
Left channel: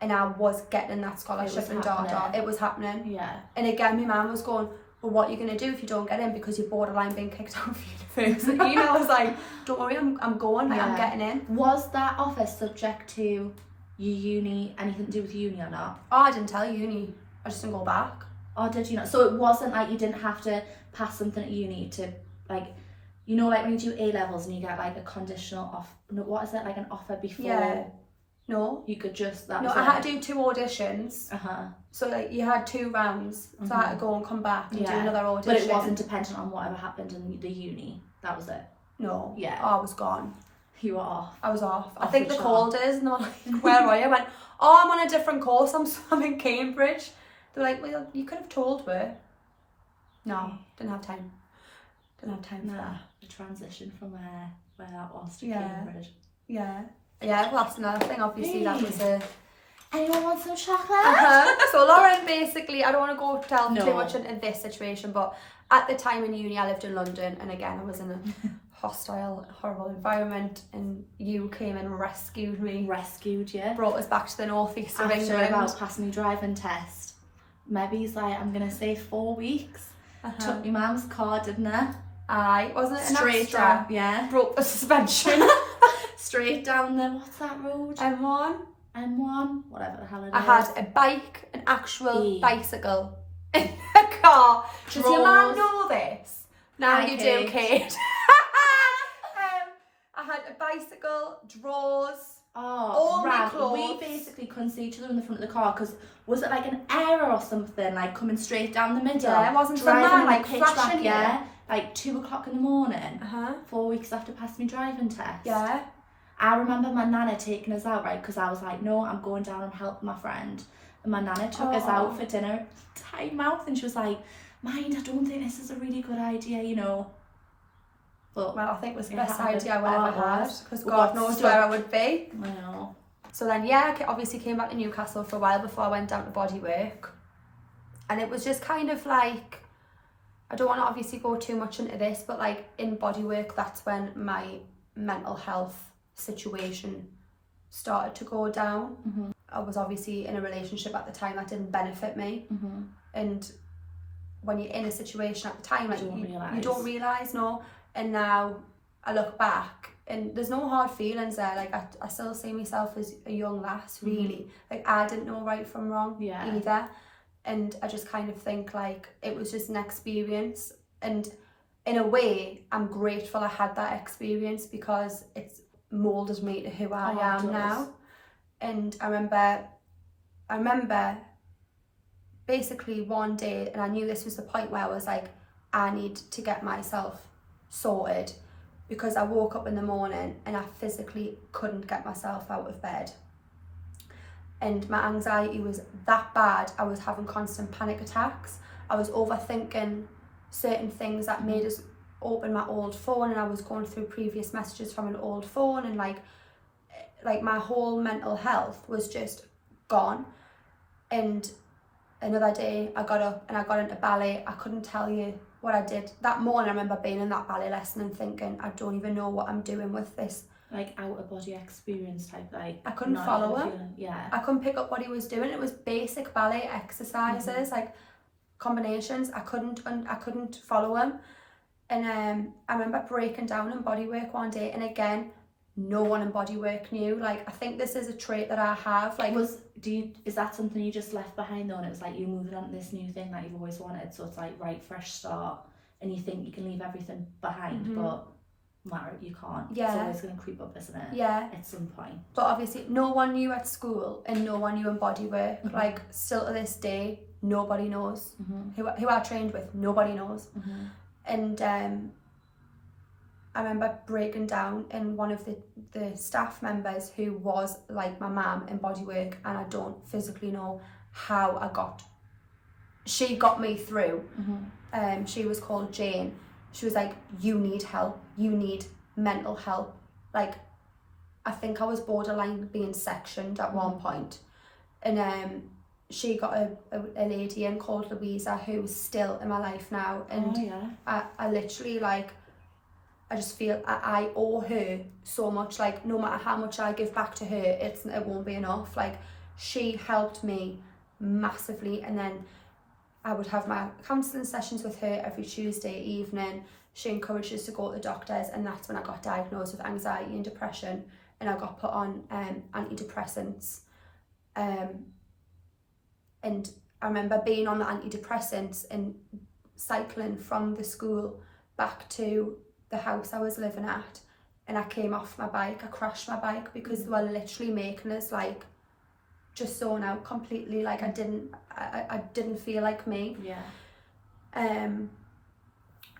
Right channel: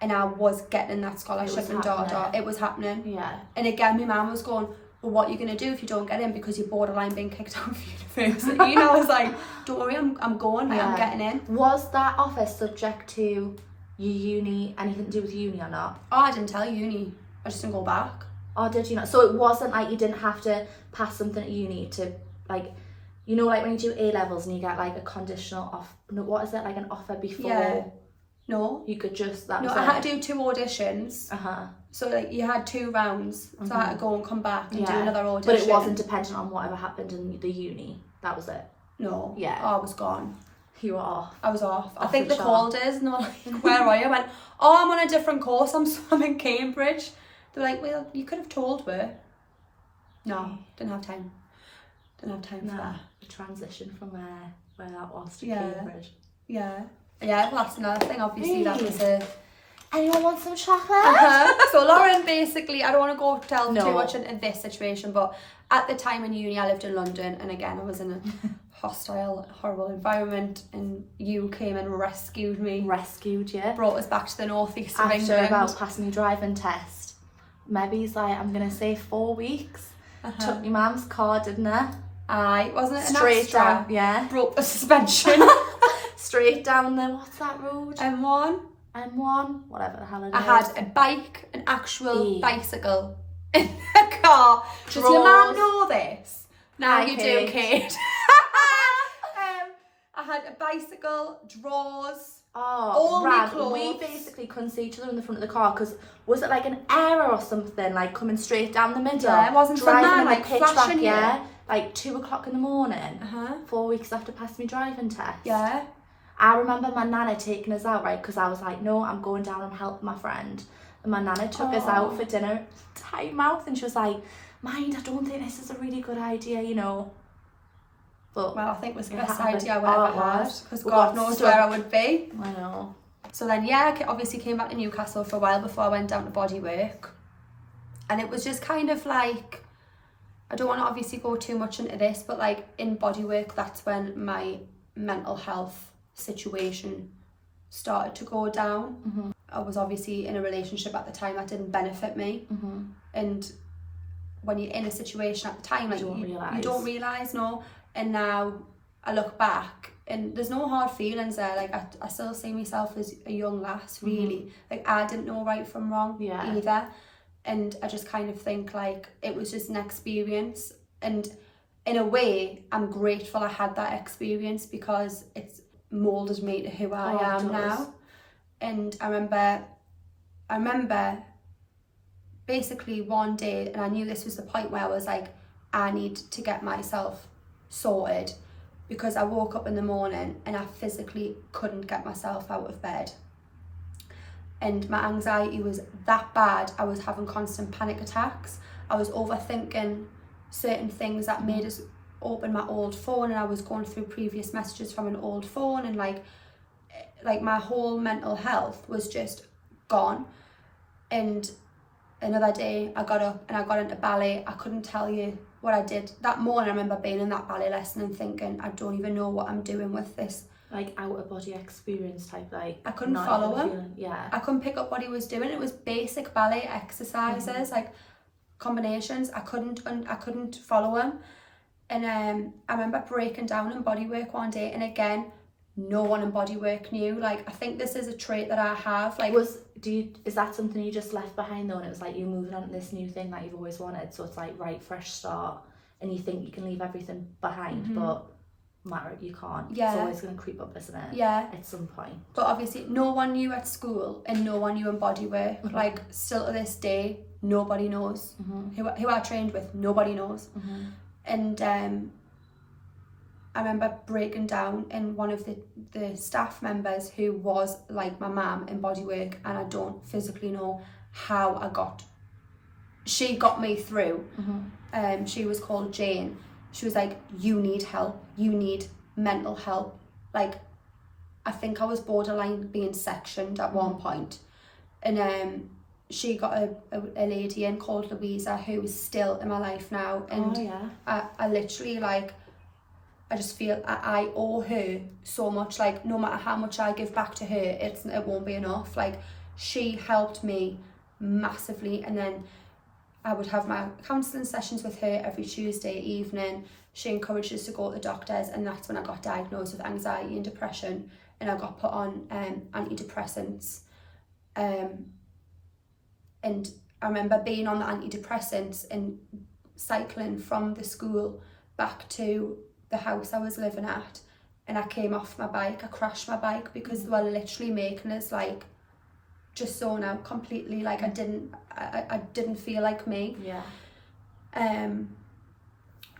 and I was getting that scholarship and Dada. It was happening. Yeah. And again, my mum was going, well, what are you going to do if you don't get in because you're borderline being kicked out of university? And I was like, don't worry, I'm going, like, I'm getting in. Was that offer subject to your uni, anything to do with uni or not? Oh, I didn't tell uni. I just didn't go back. Oh, did you not? So it wasn't like you didn't have to pass something at uni to, like, you know, like when you do A-levels and you get like a conditional offer, no, what is that, like an offer before? Yeah. No. You could just, No, I had to do 2 auditions. So like you had 2 rounds. So I had to go and come back and do another audition. But it wasn't dependent on whatever happened in the uni. That was it. No. Yeah. Oh, I was gone. You were off. I was off. I think they called us and they were like, where are you? I went, oh, I'm on a different course. I'm in Cambridge. They were like, well, you could have told me. No, didn't have time. Didn't have time for that. The transition from where that was to Cambridge. Yeah. Yeah, well, that's another thing. Obviously, that was a... Anyone want some chocolate? So Lauren, basically, I don't want to go delve too much into this situation, but at the time in uni, I lived in London, and again, I was in a hostile, horrible environment, and you came and rescued me. Rescued you. Brought us back to the northeast of England. After about passing my driving test. Maybe he's like, I'm going to say 4 weeks. Took my mum's car, didn't I? Aye, wasn't it an Straight extra? down, yeah. Broke the suspension. Straight down there, what's that road? M1, whatever the hell it is. I had a bike, an actual bicycle in the car. Does your mum know this? Now you do, Kate. I had a bicycle, drawers, all my clothes. We basically couldn't see each other in the front of the car because was it like an error or something, like coming straight down the middle? Yeah, it wasn't some man like flashing yeah, like 2 o'clock in the morning. 4 4 weeks after passing my driving test. Yeah. I remember my nana taking us out, right, because I was like, no, I'm going down and helping my friend. And my nana took us out for dinner, tight mouth, and she was like, mind, I don't think this is a really good idea, you know. But well, I think it was the best happened. idea I ever It had, was. because We God got knows stuck. where I would be. I know. So then, yeah, I obviously came back to Newcastle for a while before I went down to bodywork. And it was just kind of like, I don't want to obviously go too much into this, but like in bodywork, that's when my mental health situation started to go down. Mm-hmm. I was obviously in a relationship at the time that didn't benefit me. Mm-hmm. And when you're in a situation at the time, like you don't realise, no. And now I look back and there's no hard feelings there. Like I still see myself as a young lass, really. Like I didn't know right from wrong either. And I just kind of think like it was just an experience. And in a way, I'm grateful I had that experience because it's moulded me to who I am now. And I remember basically one day, and I knew this was the point where I was like, I need to get myself sorted, because I woke up in the morning and I physically couldn't get myself out of bed. And my anxiety was that bad, I was having constant panic attacks. I was overthinking certain things that made us open my old phone, and I was going through previous messages from an old phone, and like my whole mental health was just gone. And another day I got up and I got into ballet. I couldn't tell you what I did that morning. I remember being in that ballet lesson and thinking, I don't even know what I'm doing with this. Like out of body experience type, like I couldn't follow him. Yeah. I couldn't pick up what he was doing. It was basic ballet exercises, like combinations. I couldn't follow him. And I remember breaking down in bodywork one day, and again, no one in bodywork knew. Like I think this is a trait that I have. Like is that something you just left behind though, and it was like you're moving on to this new thing that you've always wanted, so it's like right, fresh start, and you think you can leave everything behind, but you can't. Yeah. It's always going to creep up, isn't it? Yeah. At some point. But obviously no one knew at school and no one knew in bodywork. Like still to this day, nobody knows. Who I trained with, nobody knows. And I remember breaking down, and one of the staff members who was like my mum in bodywork, and I don't physically know how she got me through. She was called Jane. She was like, you need help, you need mental help. Like I think I was borderline being sectioned at one point. And she got a lady in called Louisa, who's still in my life now. And I literally like, I just feel I owe her so much. Like no matter how much I give back to her, it won't be enough. Like she helped me massively. And then I would have my counselling sessions with her every Tuesday evening. She encouraged us to go to the doctors, and that's when I got diagnosed with anxiety and depression, and I got put on antidepressants. And I remember being on the antidepressants and cycling from the school back to the house I was living at, and I came off my bike. I crashed my bike because they were literally making us like just zone out completely. Like I didn't feel like me.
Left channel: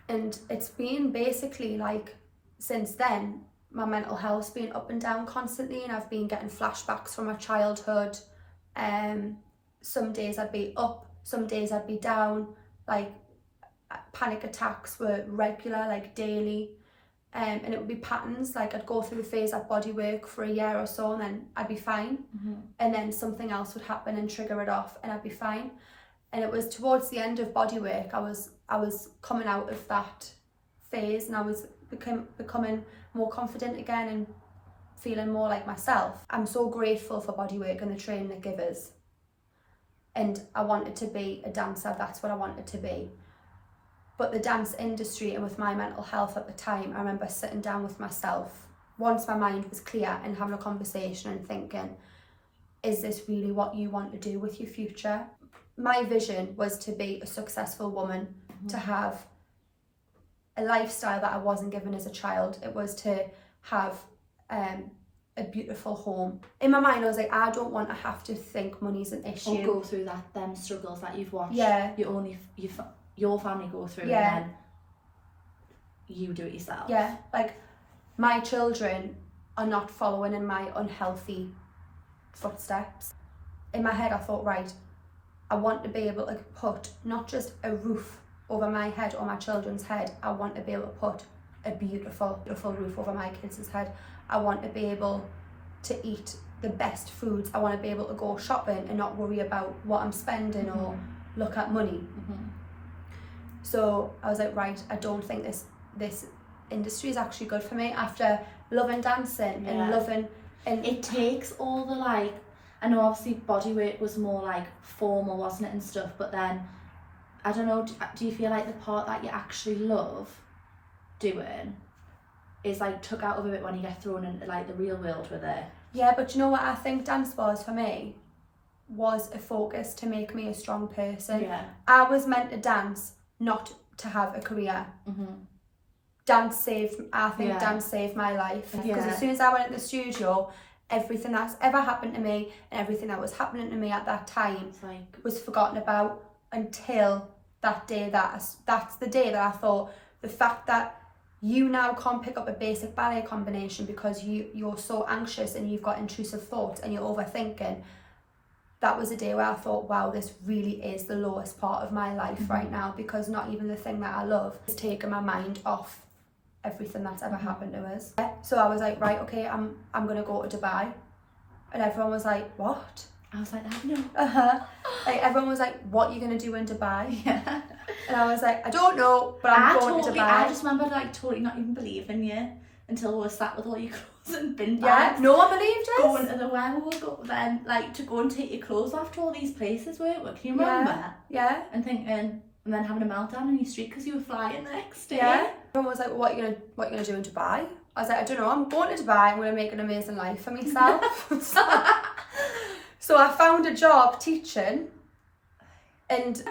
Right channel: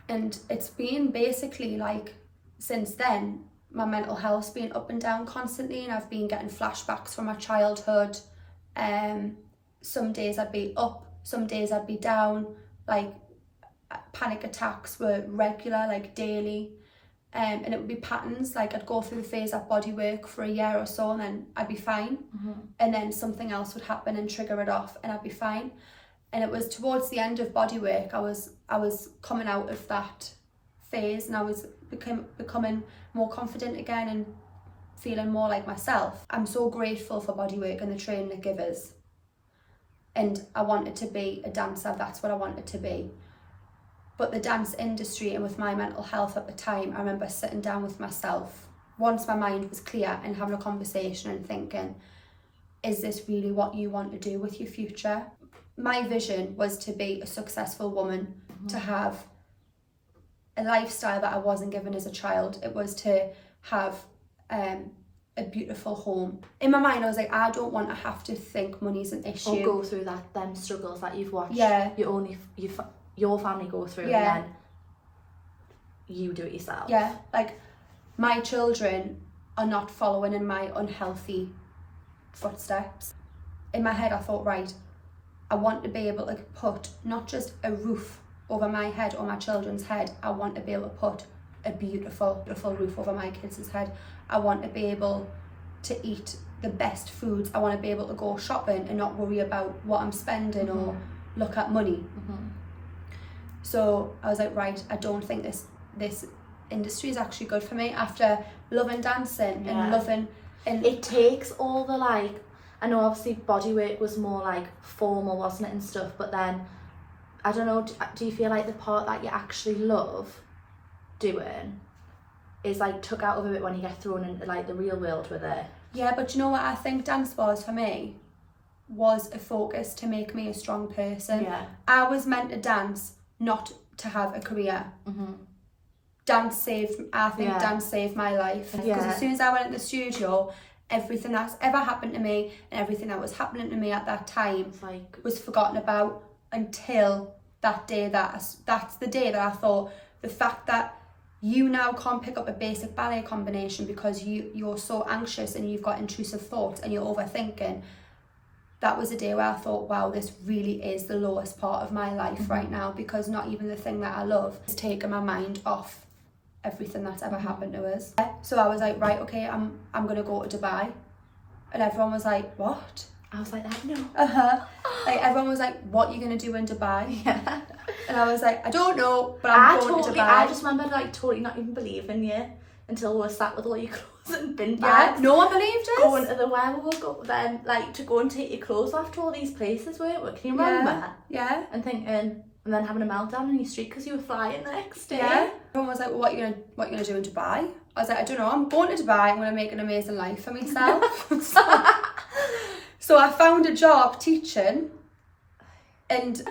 And it's been basically like since then my mental health's been up and down constantly, and I've been getting flashbacks from my childhood. Some days I'd be up, some days I'd be down. Like panic attacks were regular, like daily. And it would be patterns. Like I'd go through the phase at bodywork for a year or so, and then I'd be fine. And then something else would happen and trigger it off, and I'd be fine. And it was towards the end of bodywork, I was coming out of that phase, and I was becoming more confident again and feeling more like myself. I'm so grateful for bodywork and the training it gives us. And I wanted to be a dancer, that's what I wanted to be. But the dance industry, and with my mental health at the time, I remember sitting down with myself once my mind was clear and having a conversation and thinking, is this really what you want to do with your future? My vision was to be a successful woman, to have a lifestyle that I wasn't given as a child. It was to have a beautiful home. In my mind, I was like, I don't want to have to think money's an issue. Or go through them struggles that you've watched your family go through, and then you do it yourself. Yeah, like my children are not following in my unhealthy footsteps. In my head I thought, right, I want to be able to put not just a roof over my head or my children's head, I want to be able to put a beautiful, beautiful roof over my kids' head. I want to be able to eat the best foods. I want to be able to go shopping and not worry about what I'm spending or look at money. So I was like, right, I don't think this industry is actually good for me after loving dancing and loving. And it takes all the like, I know obviously bodywork was more like formal, wasn't it, and stuff, but then I don't know, do you feel like the part that you actually love doing is like took out of it when you get thrown into like the real world with it? Yeah, but you know what I think dance was for me? Was a focus to make me a strong person. Yeah. I was meant to dance, not to have a career. Dance saved my life. Because as soon as I went into the studio, everything that's ever happened to me and everything that was happening to me at that time was forgotten about until that day. That's the day that I thought, the fact that you now can't pick up a basic ballet combination because you're so anxious and you've got intrusive thoughts and you're overthinking. That was a day where I thought, wow, this really is the lowest part of my life right now, because not even the thing that I love is taking my mind off everything that's ever happened to us. So I was like, right, okay, I'm gonna go to Dubai. And everyone was like, what? I was like, I know. Like everyone was like, what are you gonna do in Dubai? Yeah. And I was like, I don't know, but I'm going to Dubai. I just remember like totally not even believing you until we were sat with all your clothes and bin Yeah, bags. no one believed us. Going to the where we will go then, like to go and take your clothes off to all these places, weren't we? Can you remember? Yeah. And thinking, and then having a meltdown in your street because you were flying the next day. Yeah. Everyone was like, well, what are you gonna do in Dubai? I was like, I don't know, I'm going to Dubai, I'm gonna make an amazing life for myself. So I found a job teaching and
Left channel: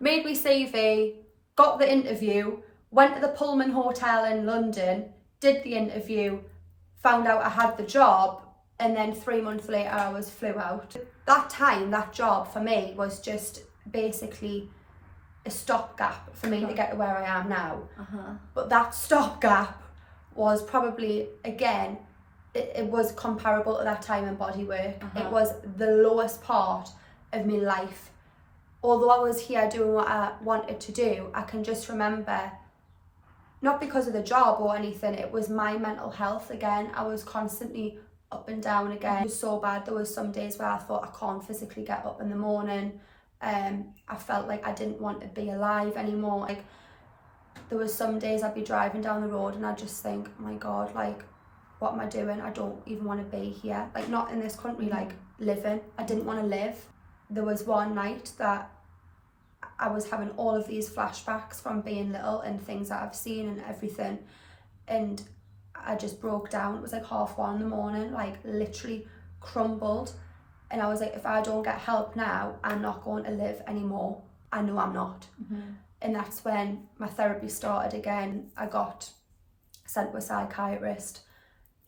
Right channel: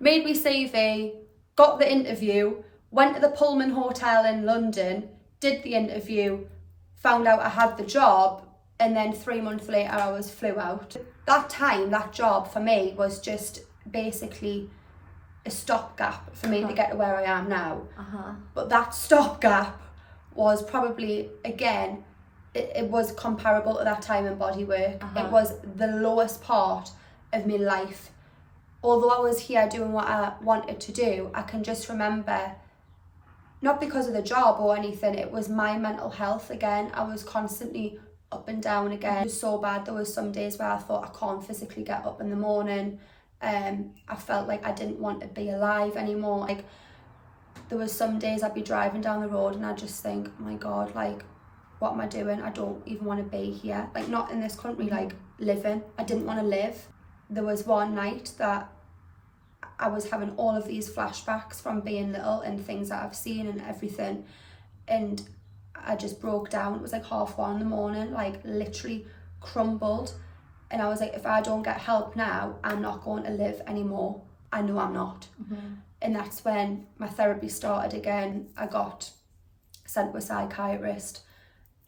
made me CV, got the interview, went to the Pullman Hotel in London, did the interview, found out I had the job, and then 3 months later I was flew out. That job for me was just basically a stopgap for me to get to where I am now. But that stopgap was probably, again, it was comparable to that time in bodywork. It was the lowest part of my life. Although I was here doing what I wanted to do, I can just remember, not because of the job or anything, it was my mental health again. I was constantly up and down again. It was so bad. There was some days where I thought I can't physically get up in the morning. I felt like I didn't want to be alive anymore. Like there was some days I'd be driving down the road and I'd just think, oh my God, like, what am I doing? I don't even want to be here. Like, not in this country, like living. I didn't want to live. There was one night that I was having all of these flashbacks from being little and things that I've seen and everything. And I just broke down. It was like 1:30 in the morning, like literally crumbled. And I was like, if I don't get help now, I'm not going to live anymore. I know I'm not. And that's when my therapy started again. I got sent to a psychiatrist.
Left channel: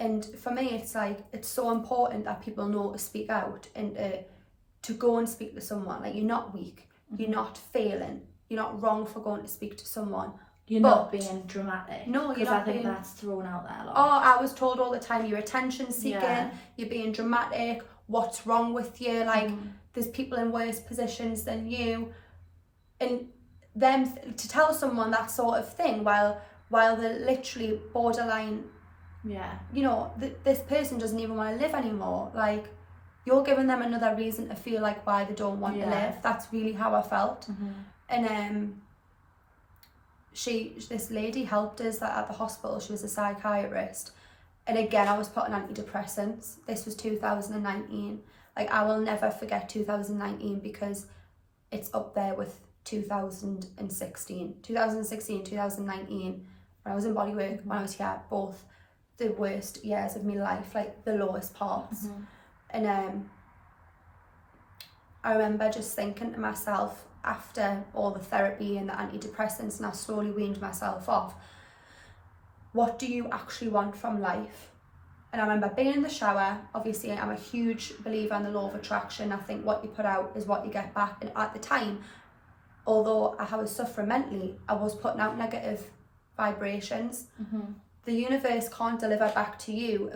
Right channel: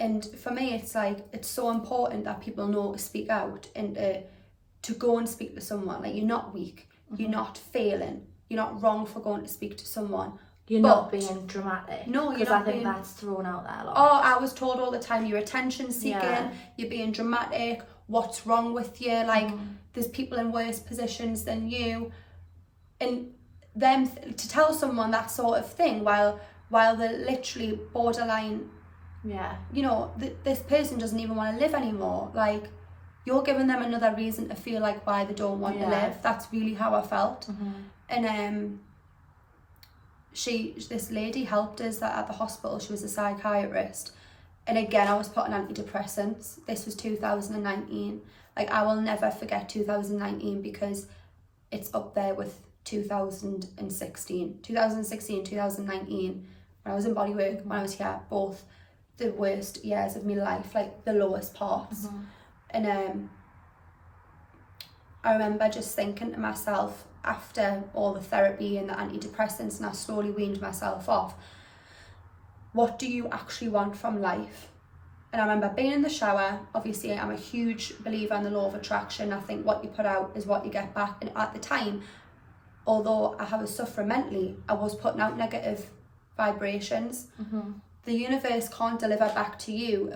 And for me, it's like, it's so important that people know to speak out and to go and speak to someone. Like, you're not weak, you're not failing, you're not wrong for going to speak to someone. You're not being dramatic. No, you're not. Because I think that's thrown out there a lot. Oh, I was told all the time, you're attention seeking, you're being dramatic, what's wrong with you? Like, there's people in worse positions than you. And them to tell someone that sort of thing while they're literally borderline, you know, this person doesn't even want to live anymore. Like, you're giving them another reason to feel like why they don't want to live. That's really how I felt. And this lady helped us at the hospital. She was a psychiatrist, and again I was put on antidepressants. This was 2019. Like, I will never forget 2019 because it's up there with 2016, 2019, when I was in bodywork, when I was here, both the worst years of my life, like the lowest parts. And I remember just thinking to myself, after all the therapy and the antidepressants, and I slowly weaned myself off, what do you actually want from life? And I remember being in the shower. Obviously, I'm a huge believer in the law of attraction. I think what you put out is what you get back. And at the time, although I was suffering mentally, I was putting out negative vibrations. the universe can't deliver back to you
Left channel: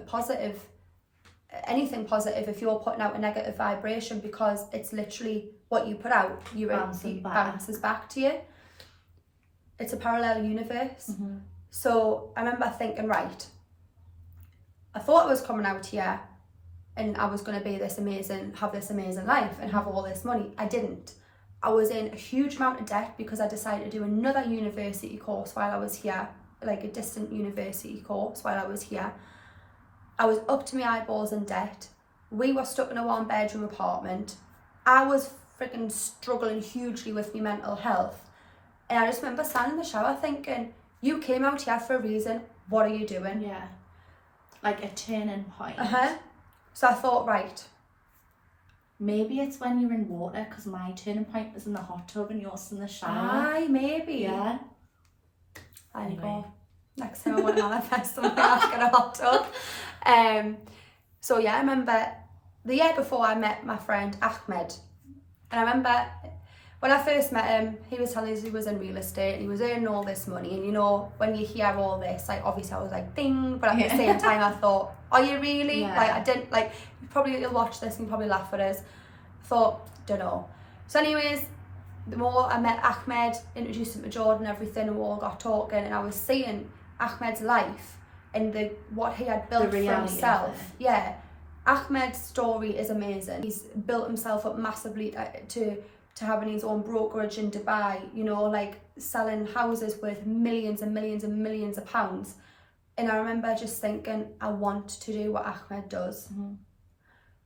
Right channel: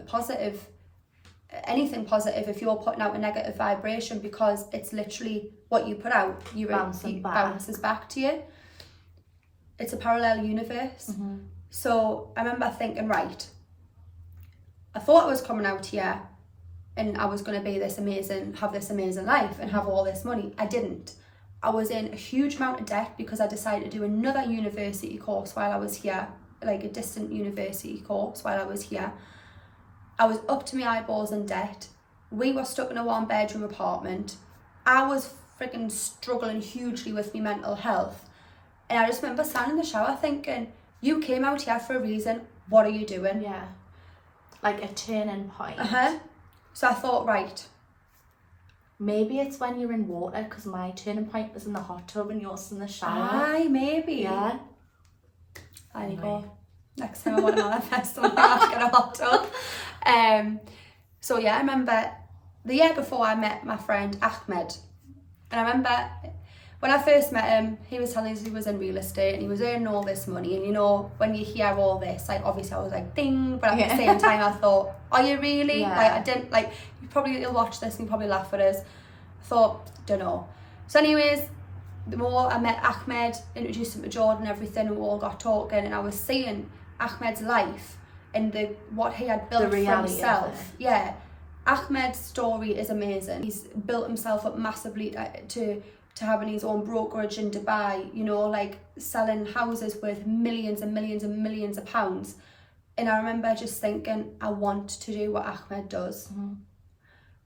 anything positive if you're putting out a negative vibration, because it's literally what you put out, bounces back to you. It's a parallel universe. So I remember thinking, right, I thought I was coming out here and I was going to be have this amazing life and have all this money. I didn't. I was in a huge amount of debt because I decided to do another university course while I was here, like a distant university course while I was here. I was up to my eyeballs in debt. We were stuck in a 1-bedroom apartment. I was freaking struggling hugely with my mental health. And I just remember standing in the shower thinking, you came out here for a reason. What are you doing? Yeah. Like a turning point. So I thought, right. Maybe it's when you're in water, because my turning point was in the hot tub and yours in the shower. Aye, maybe. Yeah. There you go. Next time I want to manifest something, I'll get a hot tub. So yeah, I remember the year before I met my friend Ahmed. And I remember when I first met him, he was telling us he was in real estate and he was earning all this money. And you know, when you hear all this, like obviously I was like, ding. But at the same time, I thought, are you really? Yeah. Like I didn't, like, you'll watch this and you probably laugh at us. I thought, don't know. So anyways, the more I met Ahmed, introduced him to Jordan and everything, and we all got talking, and I was seeing Ahmed's life and what he had built for himself. Yeah, Ahmed's story is amazing. He's built himself up massively to having his own brokerage in Dubai, you know, like selling houses worth millions and millions and millions of pounds. And I remember just thinking, I want to do what Ahmed does.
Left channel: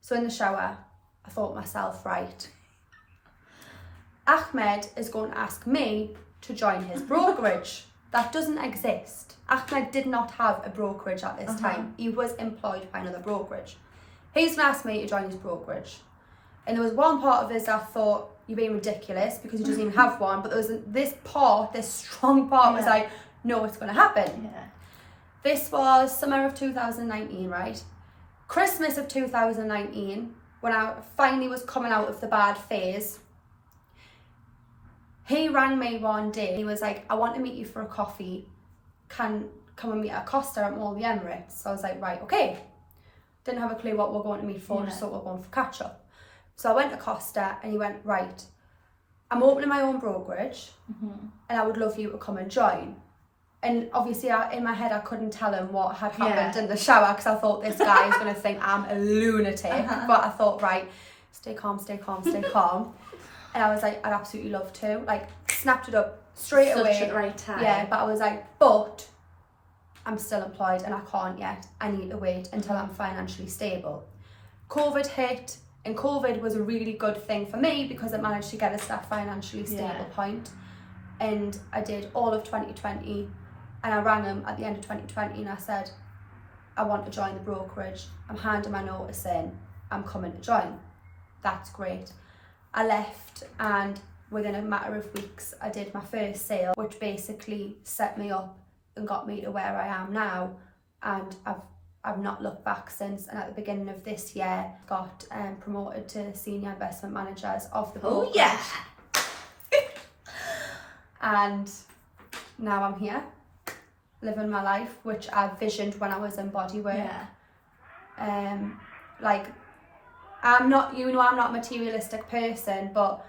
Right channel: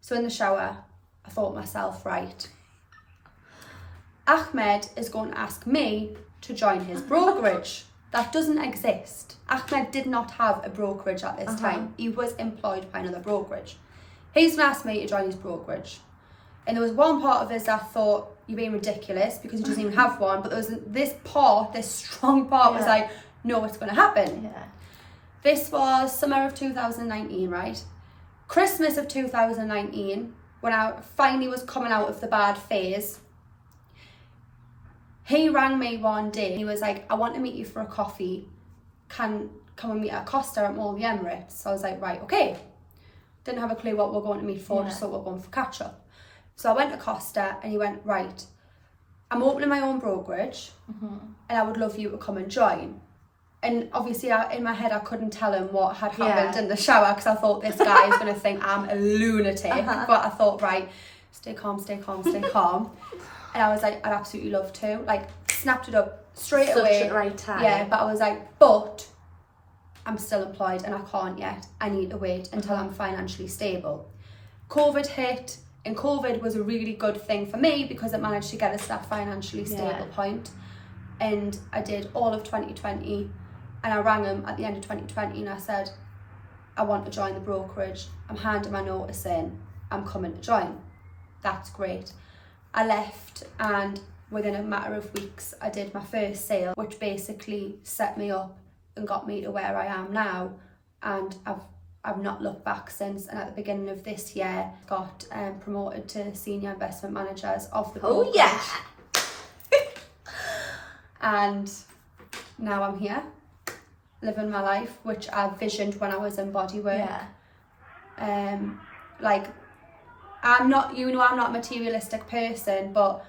So in the shower, I thought to myself, right, Ahmed is going to ask me to join his brokerage. That doesn't exist. Ahmed did not have a brokerage at this time. He was employed by another brokerage. He's going to ask me to join his brokerage. And there was one part of this I thought, you're being ridiculous, because he doesn't even have one. But there was this strong part was like, no, it's going to happen. Yeah. This was summer of 2019, right? Christmas of 2019, when I finally was coming out of the bad phase, he rang me one day. He was like, I want to meet you for a coffee. Come and meet at Costa at Mall of the Emirates. So I was like, right, okay. Didn't have a clue what we're going to meet for, just thought we're going for catch up. So I went to Costa and he went, right, I'm opening my own brokerage and I would love you to come and join. And obviously in my head I couldn't tell him what had happened in the shower, because I thought this guy is going to think I'm a lunatic. But I thought, right, stay calm. And I was like, I'd absolutely love to. Like, snapped it up straight away. Such a right time. Yeah, but I was like, but I'm still employed and I can't yet. I need to wait until I'm financially stable. COVID hit, and COVID was a really good thing for me because it managed to get us that financially stable point. And I did all of 2020, and I rang him at the end of 2020 and I said, I want to join the brokerage. I'm handing my notice in. I'm coming to join. That's great. I left, and within a matter of weeks I did my first sale, which basically set me up and got me to where I am now, and I've not looked back since. And at the beginning of this year got promoted to senior investment managers of the brokerage. And now I'm here living my life, which I visioned when I was in bodywork. Like, I'm not a materialistic person, but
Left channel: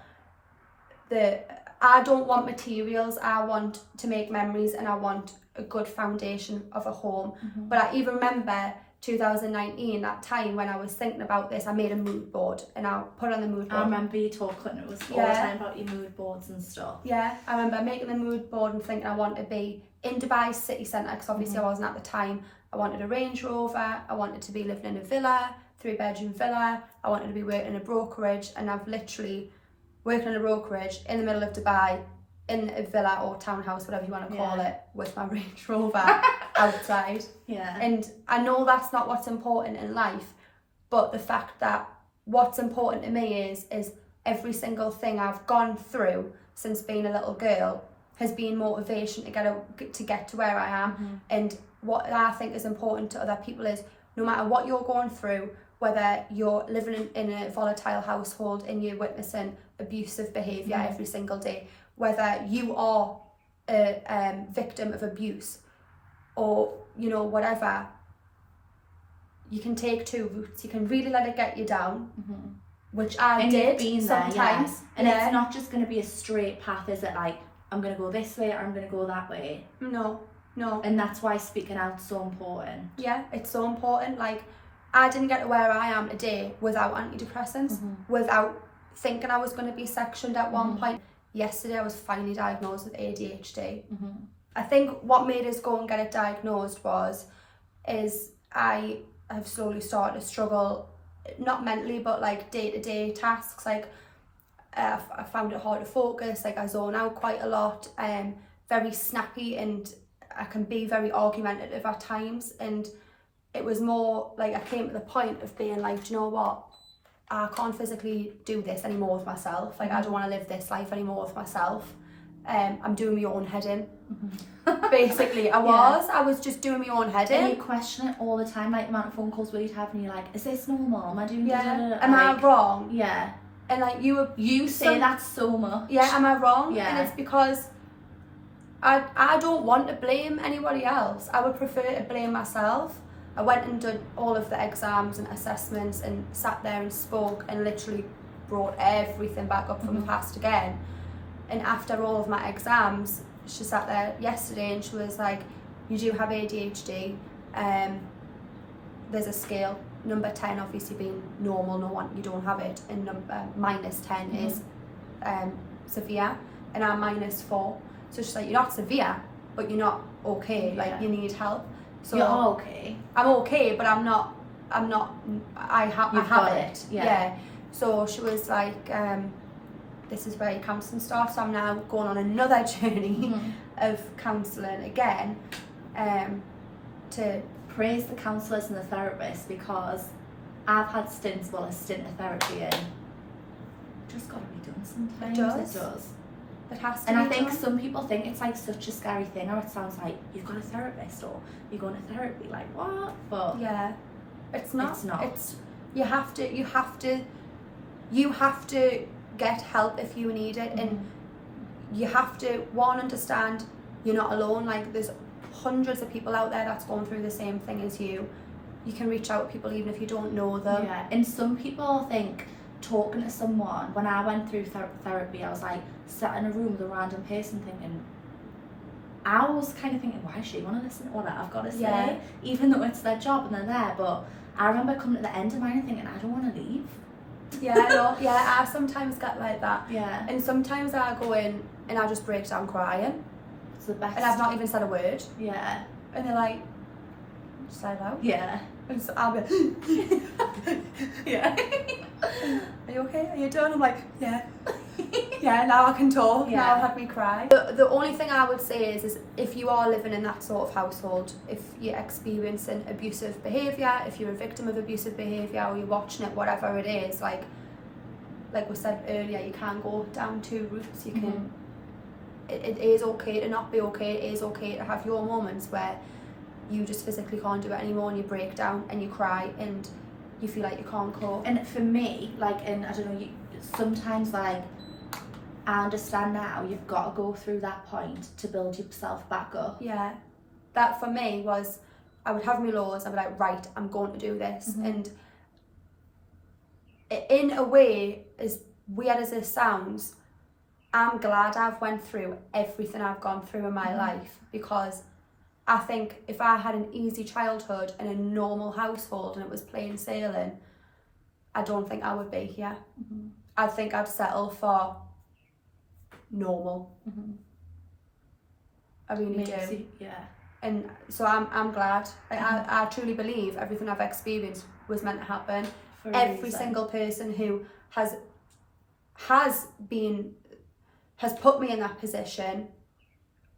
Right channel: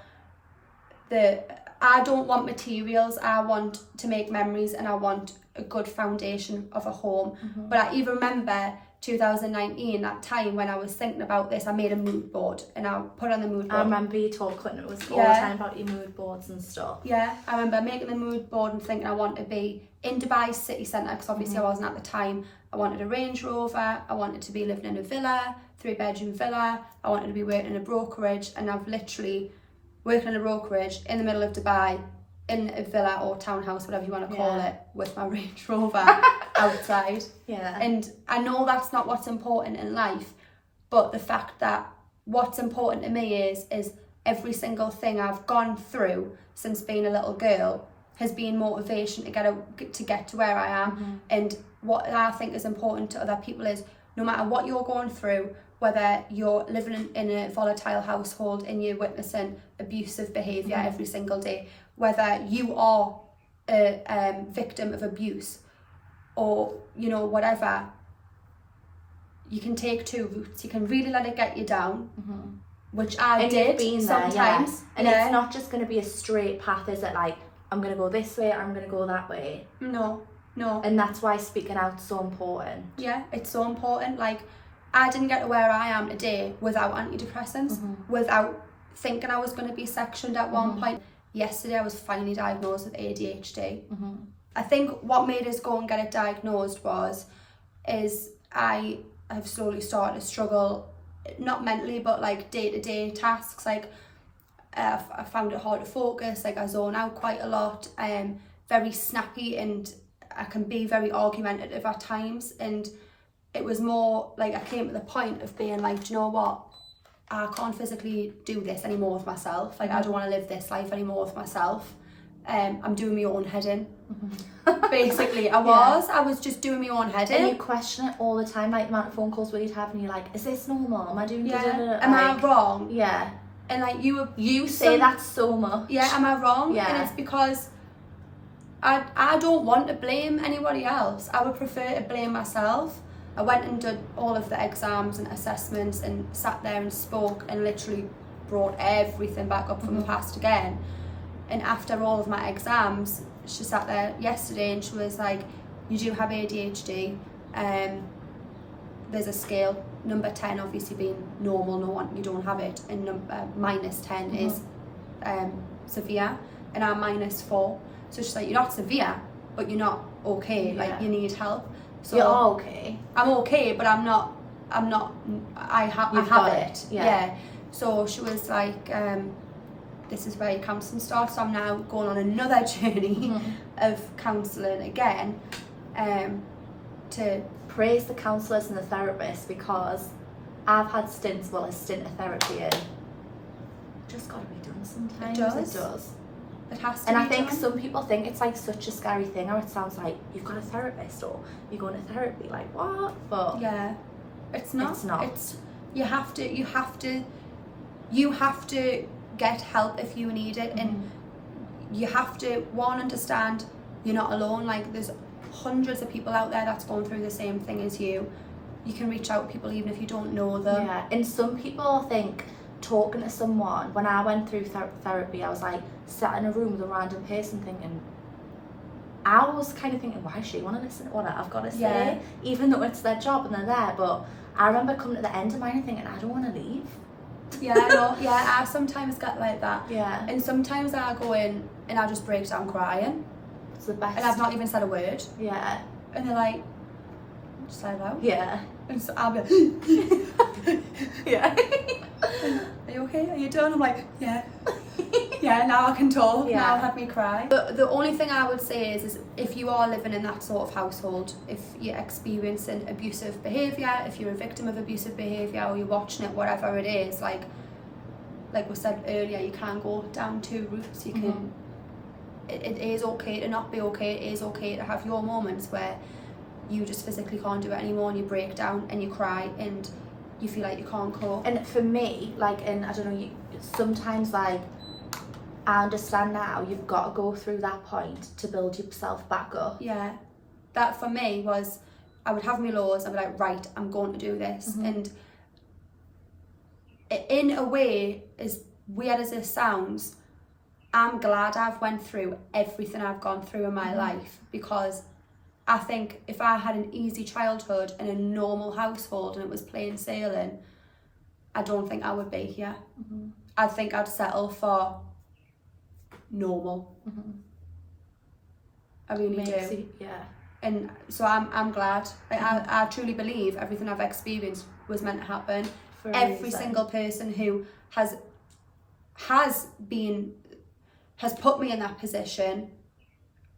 I don't want materials. I want to make memories, and I want a good foundation of a home. But I even remember 2019, that time when I was thinking about this, I made a mood board and I put on the mood board. I remember you talking, it was all the time about your mood boards and stuff. Yeah, I remember making the mood board and thinking I want to be in Dubai city centre, because obviously I wasn't at the time. I wanted a Range Rover, I wanted to be living in a villa, 3-bedroom villa, I wanted to be working in a brokerage, and I've literally working in a brokerage in the middle of Dubai, in a villa or townhouse, whatever you want to call it, with my Range Rover outside. And I know that's not what's important in life, but the fact that what's important to me is every single thing I've gone through since being a little girl has been motivation to get to where I am. And what I think is important to other people is, no matter what you're going through, whether you're living in a volatile household and you're witnessing abusive behaviour every single day, whether you are a victim of abuse, or, you know, whatever, you can take two routes. You can really let it get you down, which I did sometimes. And it's not just going to be a straight path, is it? Like, I'm going to go this way, I'm going to go that way. No. And that's why speaking out's so important. Yeah, it's so important. Like, I didn't get to where I am today without antidepressants, without thinking I was going to be sectioned at one point. Yesterday I was finally diagnosed with ADHD. I think what made us go and get it diagnosed is I have slowly started to struggle, not mentally, but like day-to-day tasks. Like, I found it hard to focus, like I zone out quite a lot, very snappy, and I can be very argumentative at times. And it was more like I came to the point of being like, do you know what, I can't physically do this anymore with myself. Like, I don't want to live this life anymore with myself. I'm doing my own head in. Basically, I was just doing my own head in. And you question it all the time, like the amount of phone calls where you'd have and you're like, is this normal? Am I doing Am I wrong? Yeah. And like you say that so much. Yeah, am I wrong? Yeah. And it's because I don't want to blame anybody else. I would prefer to blame myself. I went and did all of the exams and assessments and sat there and spoke and literally brought everything back up from the past again. And after all of my exams, she sat there yesterday and she was like, you do have ADHD. There's a scale, number 10 obviously being normal, no one, you don't have it, and number -10 is severe, and I'm -4. So she's like, you're not severe, but you're not okay, like you need help. So you're okay. I'm okay, but I have it. Yeah. So she was like, this is where your counselling starts. So I'm now going on another journey of counselling again, to praise the counsellors and the therapists, because I've had a stint of therapy, and just got to be done sometimes. It does. It has to. And be I think done. some people think it's like such a scary thing, or it sounds like you've got a therapist or you're going to therapy. Like, what? But yeah, it's not. It's not. It's you have to get help if you need it, and you have to understand you're not alone. Like, there's hundreds of people out there that's going through the same thing as you. You can reach out to people even if you don't know them. Yeah, and some people think talking to someone, when I went through therapy, I was like sat in a room with a random person thinking, I was kind of thinking, why does she want to listen to what I've got to say? Even though it's their job and they're there. But I remember coming to the end of mine and thinking, I don't want to leave. I sometimes get like that. Yeah. And sometimes I go in and I just break down crying. It's the best. And I've not even said a word. Yeah. And they're like, just let it out. Yeah. And so I'll be like, yeah. are you okay? Are you done? I'm like, yeah. Yeah, now I can talk. Yeah. Now I'll have me cry. The only thing I would say is if you are living in that sort of household, if you're experiencing abusive behaviour, if you're a victim of abusive behaviour, or you're watching it, whatever it is, like we said earlier, you can go down two routes. You can. It is okay to not be okay. It is okay to have your moments where you just physically can't do it anymore, and you break down and you cry and you feel like you can't cope. And for me, like, and I don't know, sometimes, like, I understand now you've got to go through that point to build yourself back up. Yeah, that for me was, I would have my lows, I'd be like, right, I'm going to do this. And in a way, as weird as this sounds, I'm glad I've went through everything I've gone through in my life, because I think if I had an easy childhood in a normal household and it was plain sailing, I don't think I would be here. I think I'd settle for normal. I really do. Yeah. And so I'm glad. I truly believe everything I've experienced was meant to happen. Every single person who has put me in that position,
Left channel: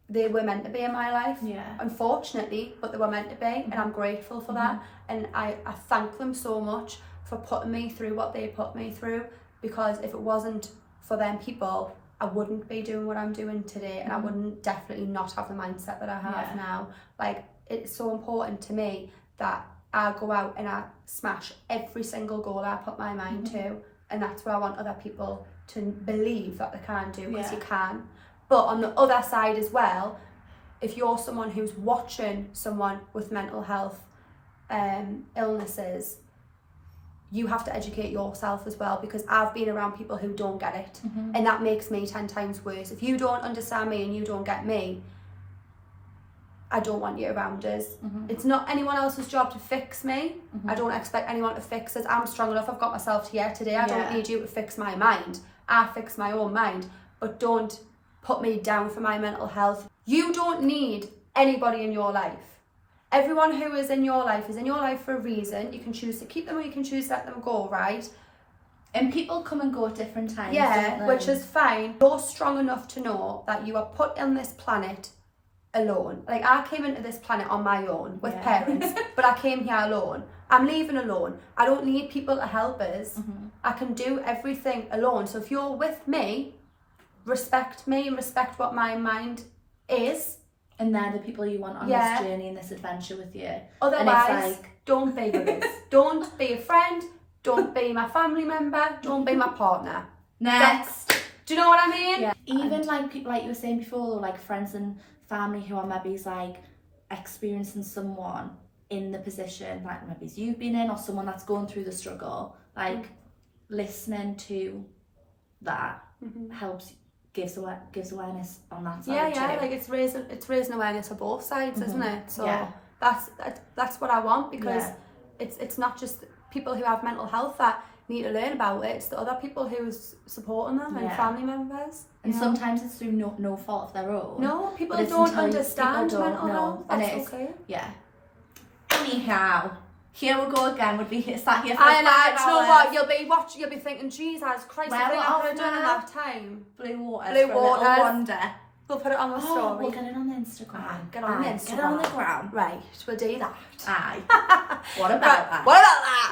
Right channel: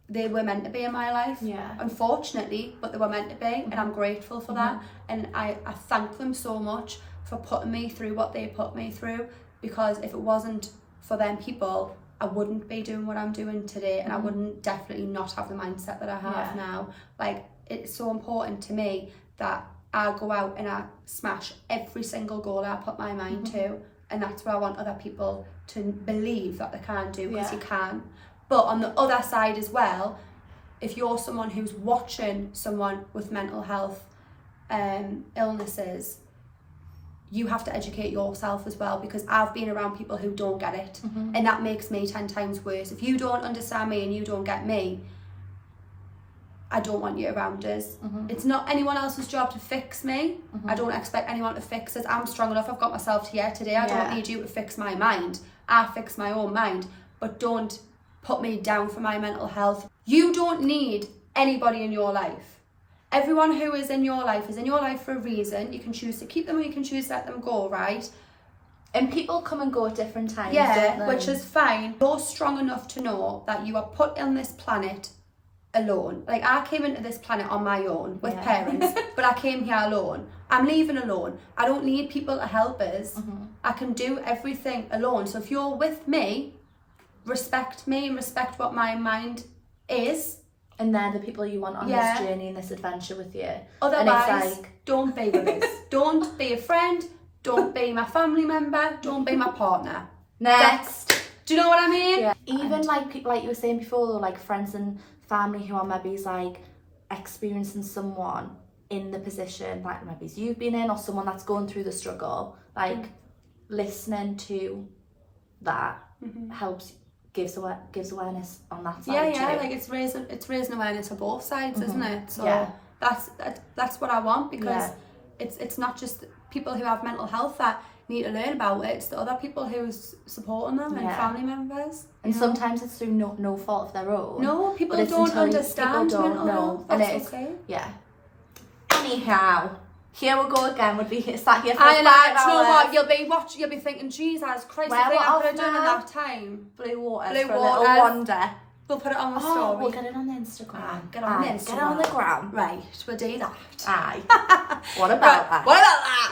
they were meant to be in my life. Yeah. Unfortunately, but they were meant to be, and I'm grateful for that. And I thank them so much for putting me through what they put me through, because if it wasn't for them people, I wouldn't be doing what I'm doing today, and I wouldn't definitely not have the mindset that I have now. Like, it's so important to me that I go out and I smash every single goal I put my mind to, and that's what I want other people to believe that they can do, because you can. But on the other side as well, if you're someone who's watching someone with mental health illnesses, you have to educate yourself as well, because I've been around people who don't get it, and that makes me 10 times worse. If you don't understand me and you don't get me, I don't want you around us. It's not anyone else's job to fix me. I don't expect anyone to fix us. I'm strong enough. I've got myself here today. I don't need you to fix my mind. I fix my own mind. But don't put me down for my mental health. You don't need anybody in your life. Everyone who is in your life is in your life for a reason. You can choose to keep them or you can choose to let them go, right? And people come and go at different times, Yeah, don't they? which is fine. You're strong enough to know that you are put on this planet alone. Like, I came into this planet on my own with parents, but I came here alone. I'm leaving alone. I don't need people to help us. I can do everything alone. So if you're with me and respect what my mind is. And they're the people you want on this journey and this adventure with you. Otherwise, don't be with us. Don't be a friend. Don't be my family member. Don't be my partner. Next. Do you know what I mean? Yeah. Even like people, like you were saying before, like friends and family who are maybe like experiencing someone in the position like maybe you've been in, or someone that's going through the struggle, like listening to that helps, gives awareness on that side too. Like it's raising awareness on both sides, isn't it? So that's what I want, because it's not just people who have mental health that need to learn about it, it's the other people who's supporting them and family members. And sometimes it's through no fault of their own. No, people don't understand mental health. That's okay. Yeah. Anyhow, here we go again. Would be sat here for I know. 5 Do you know hours. what? You'll be thinking, Jesus Christ, the thing I could have done in that time. Blue waters. Blue for a little waters. wonder. We'll put it on the story. We'll get it on the Instagram. Get on the Instagram. Get on the gram. Right, we'll do that. Aye. What about that? What about that?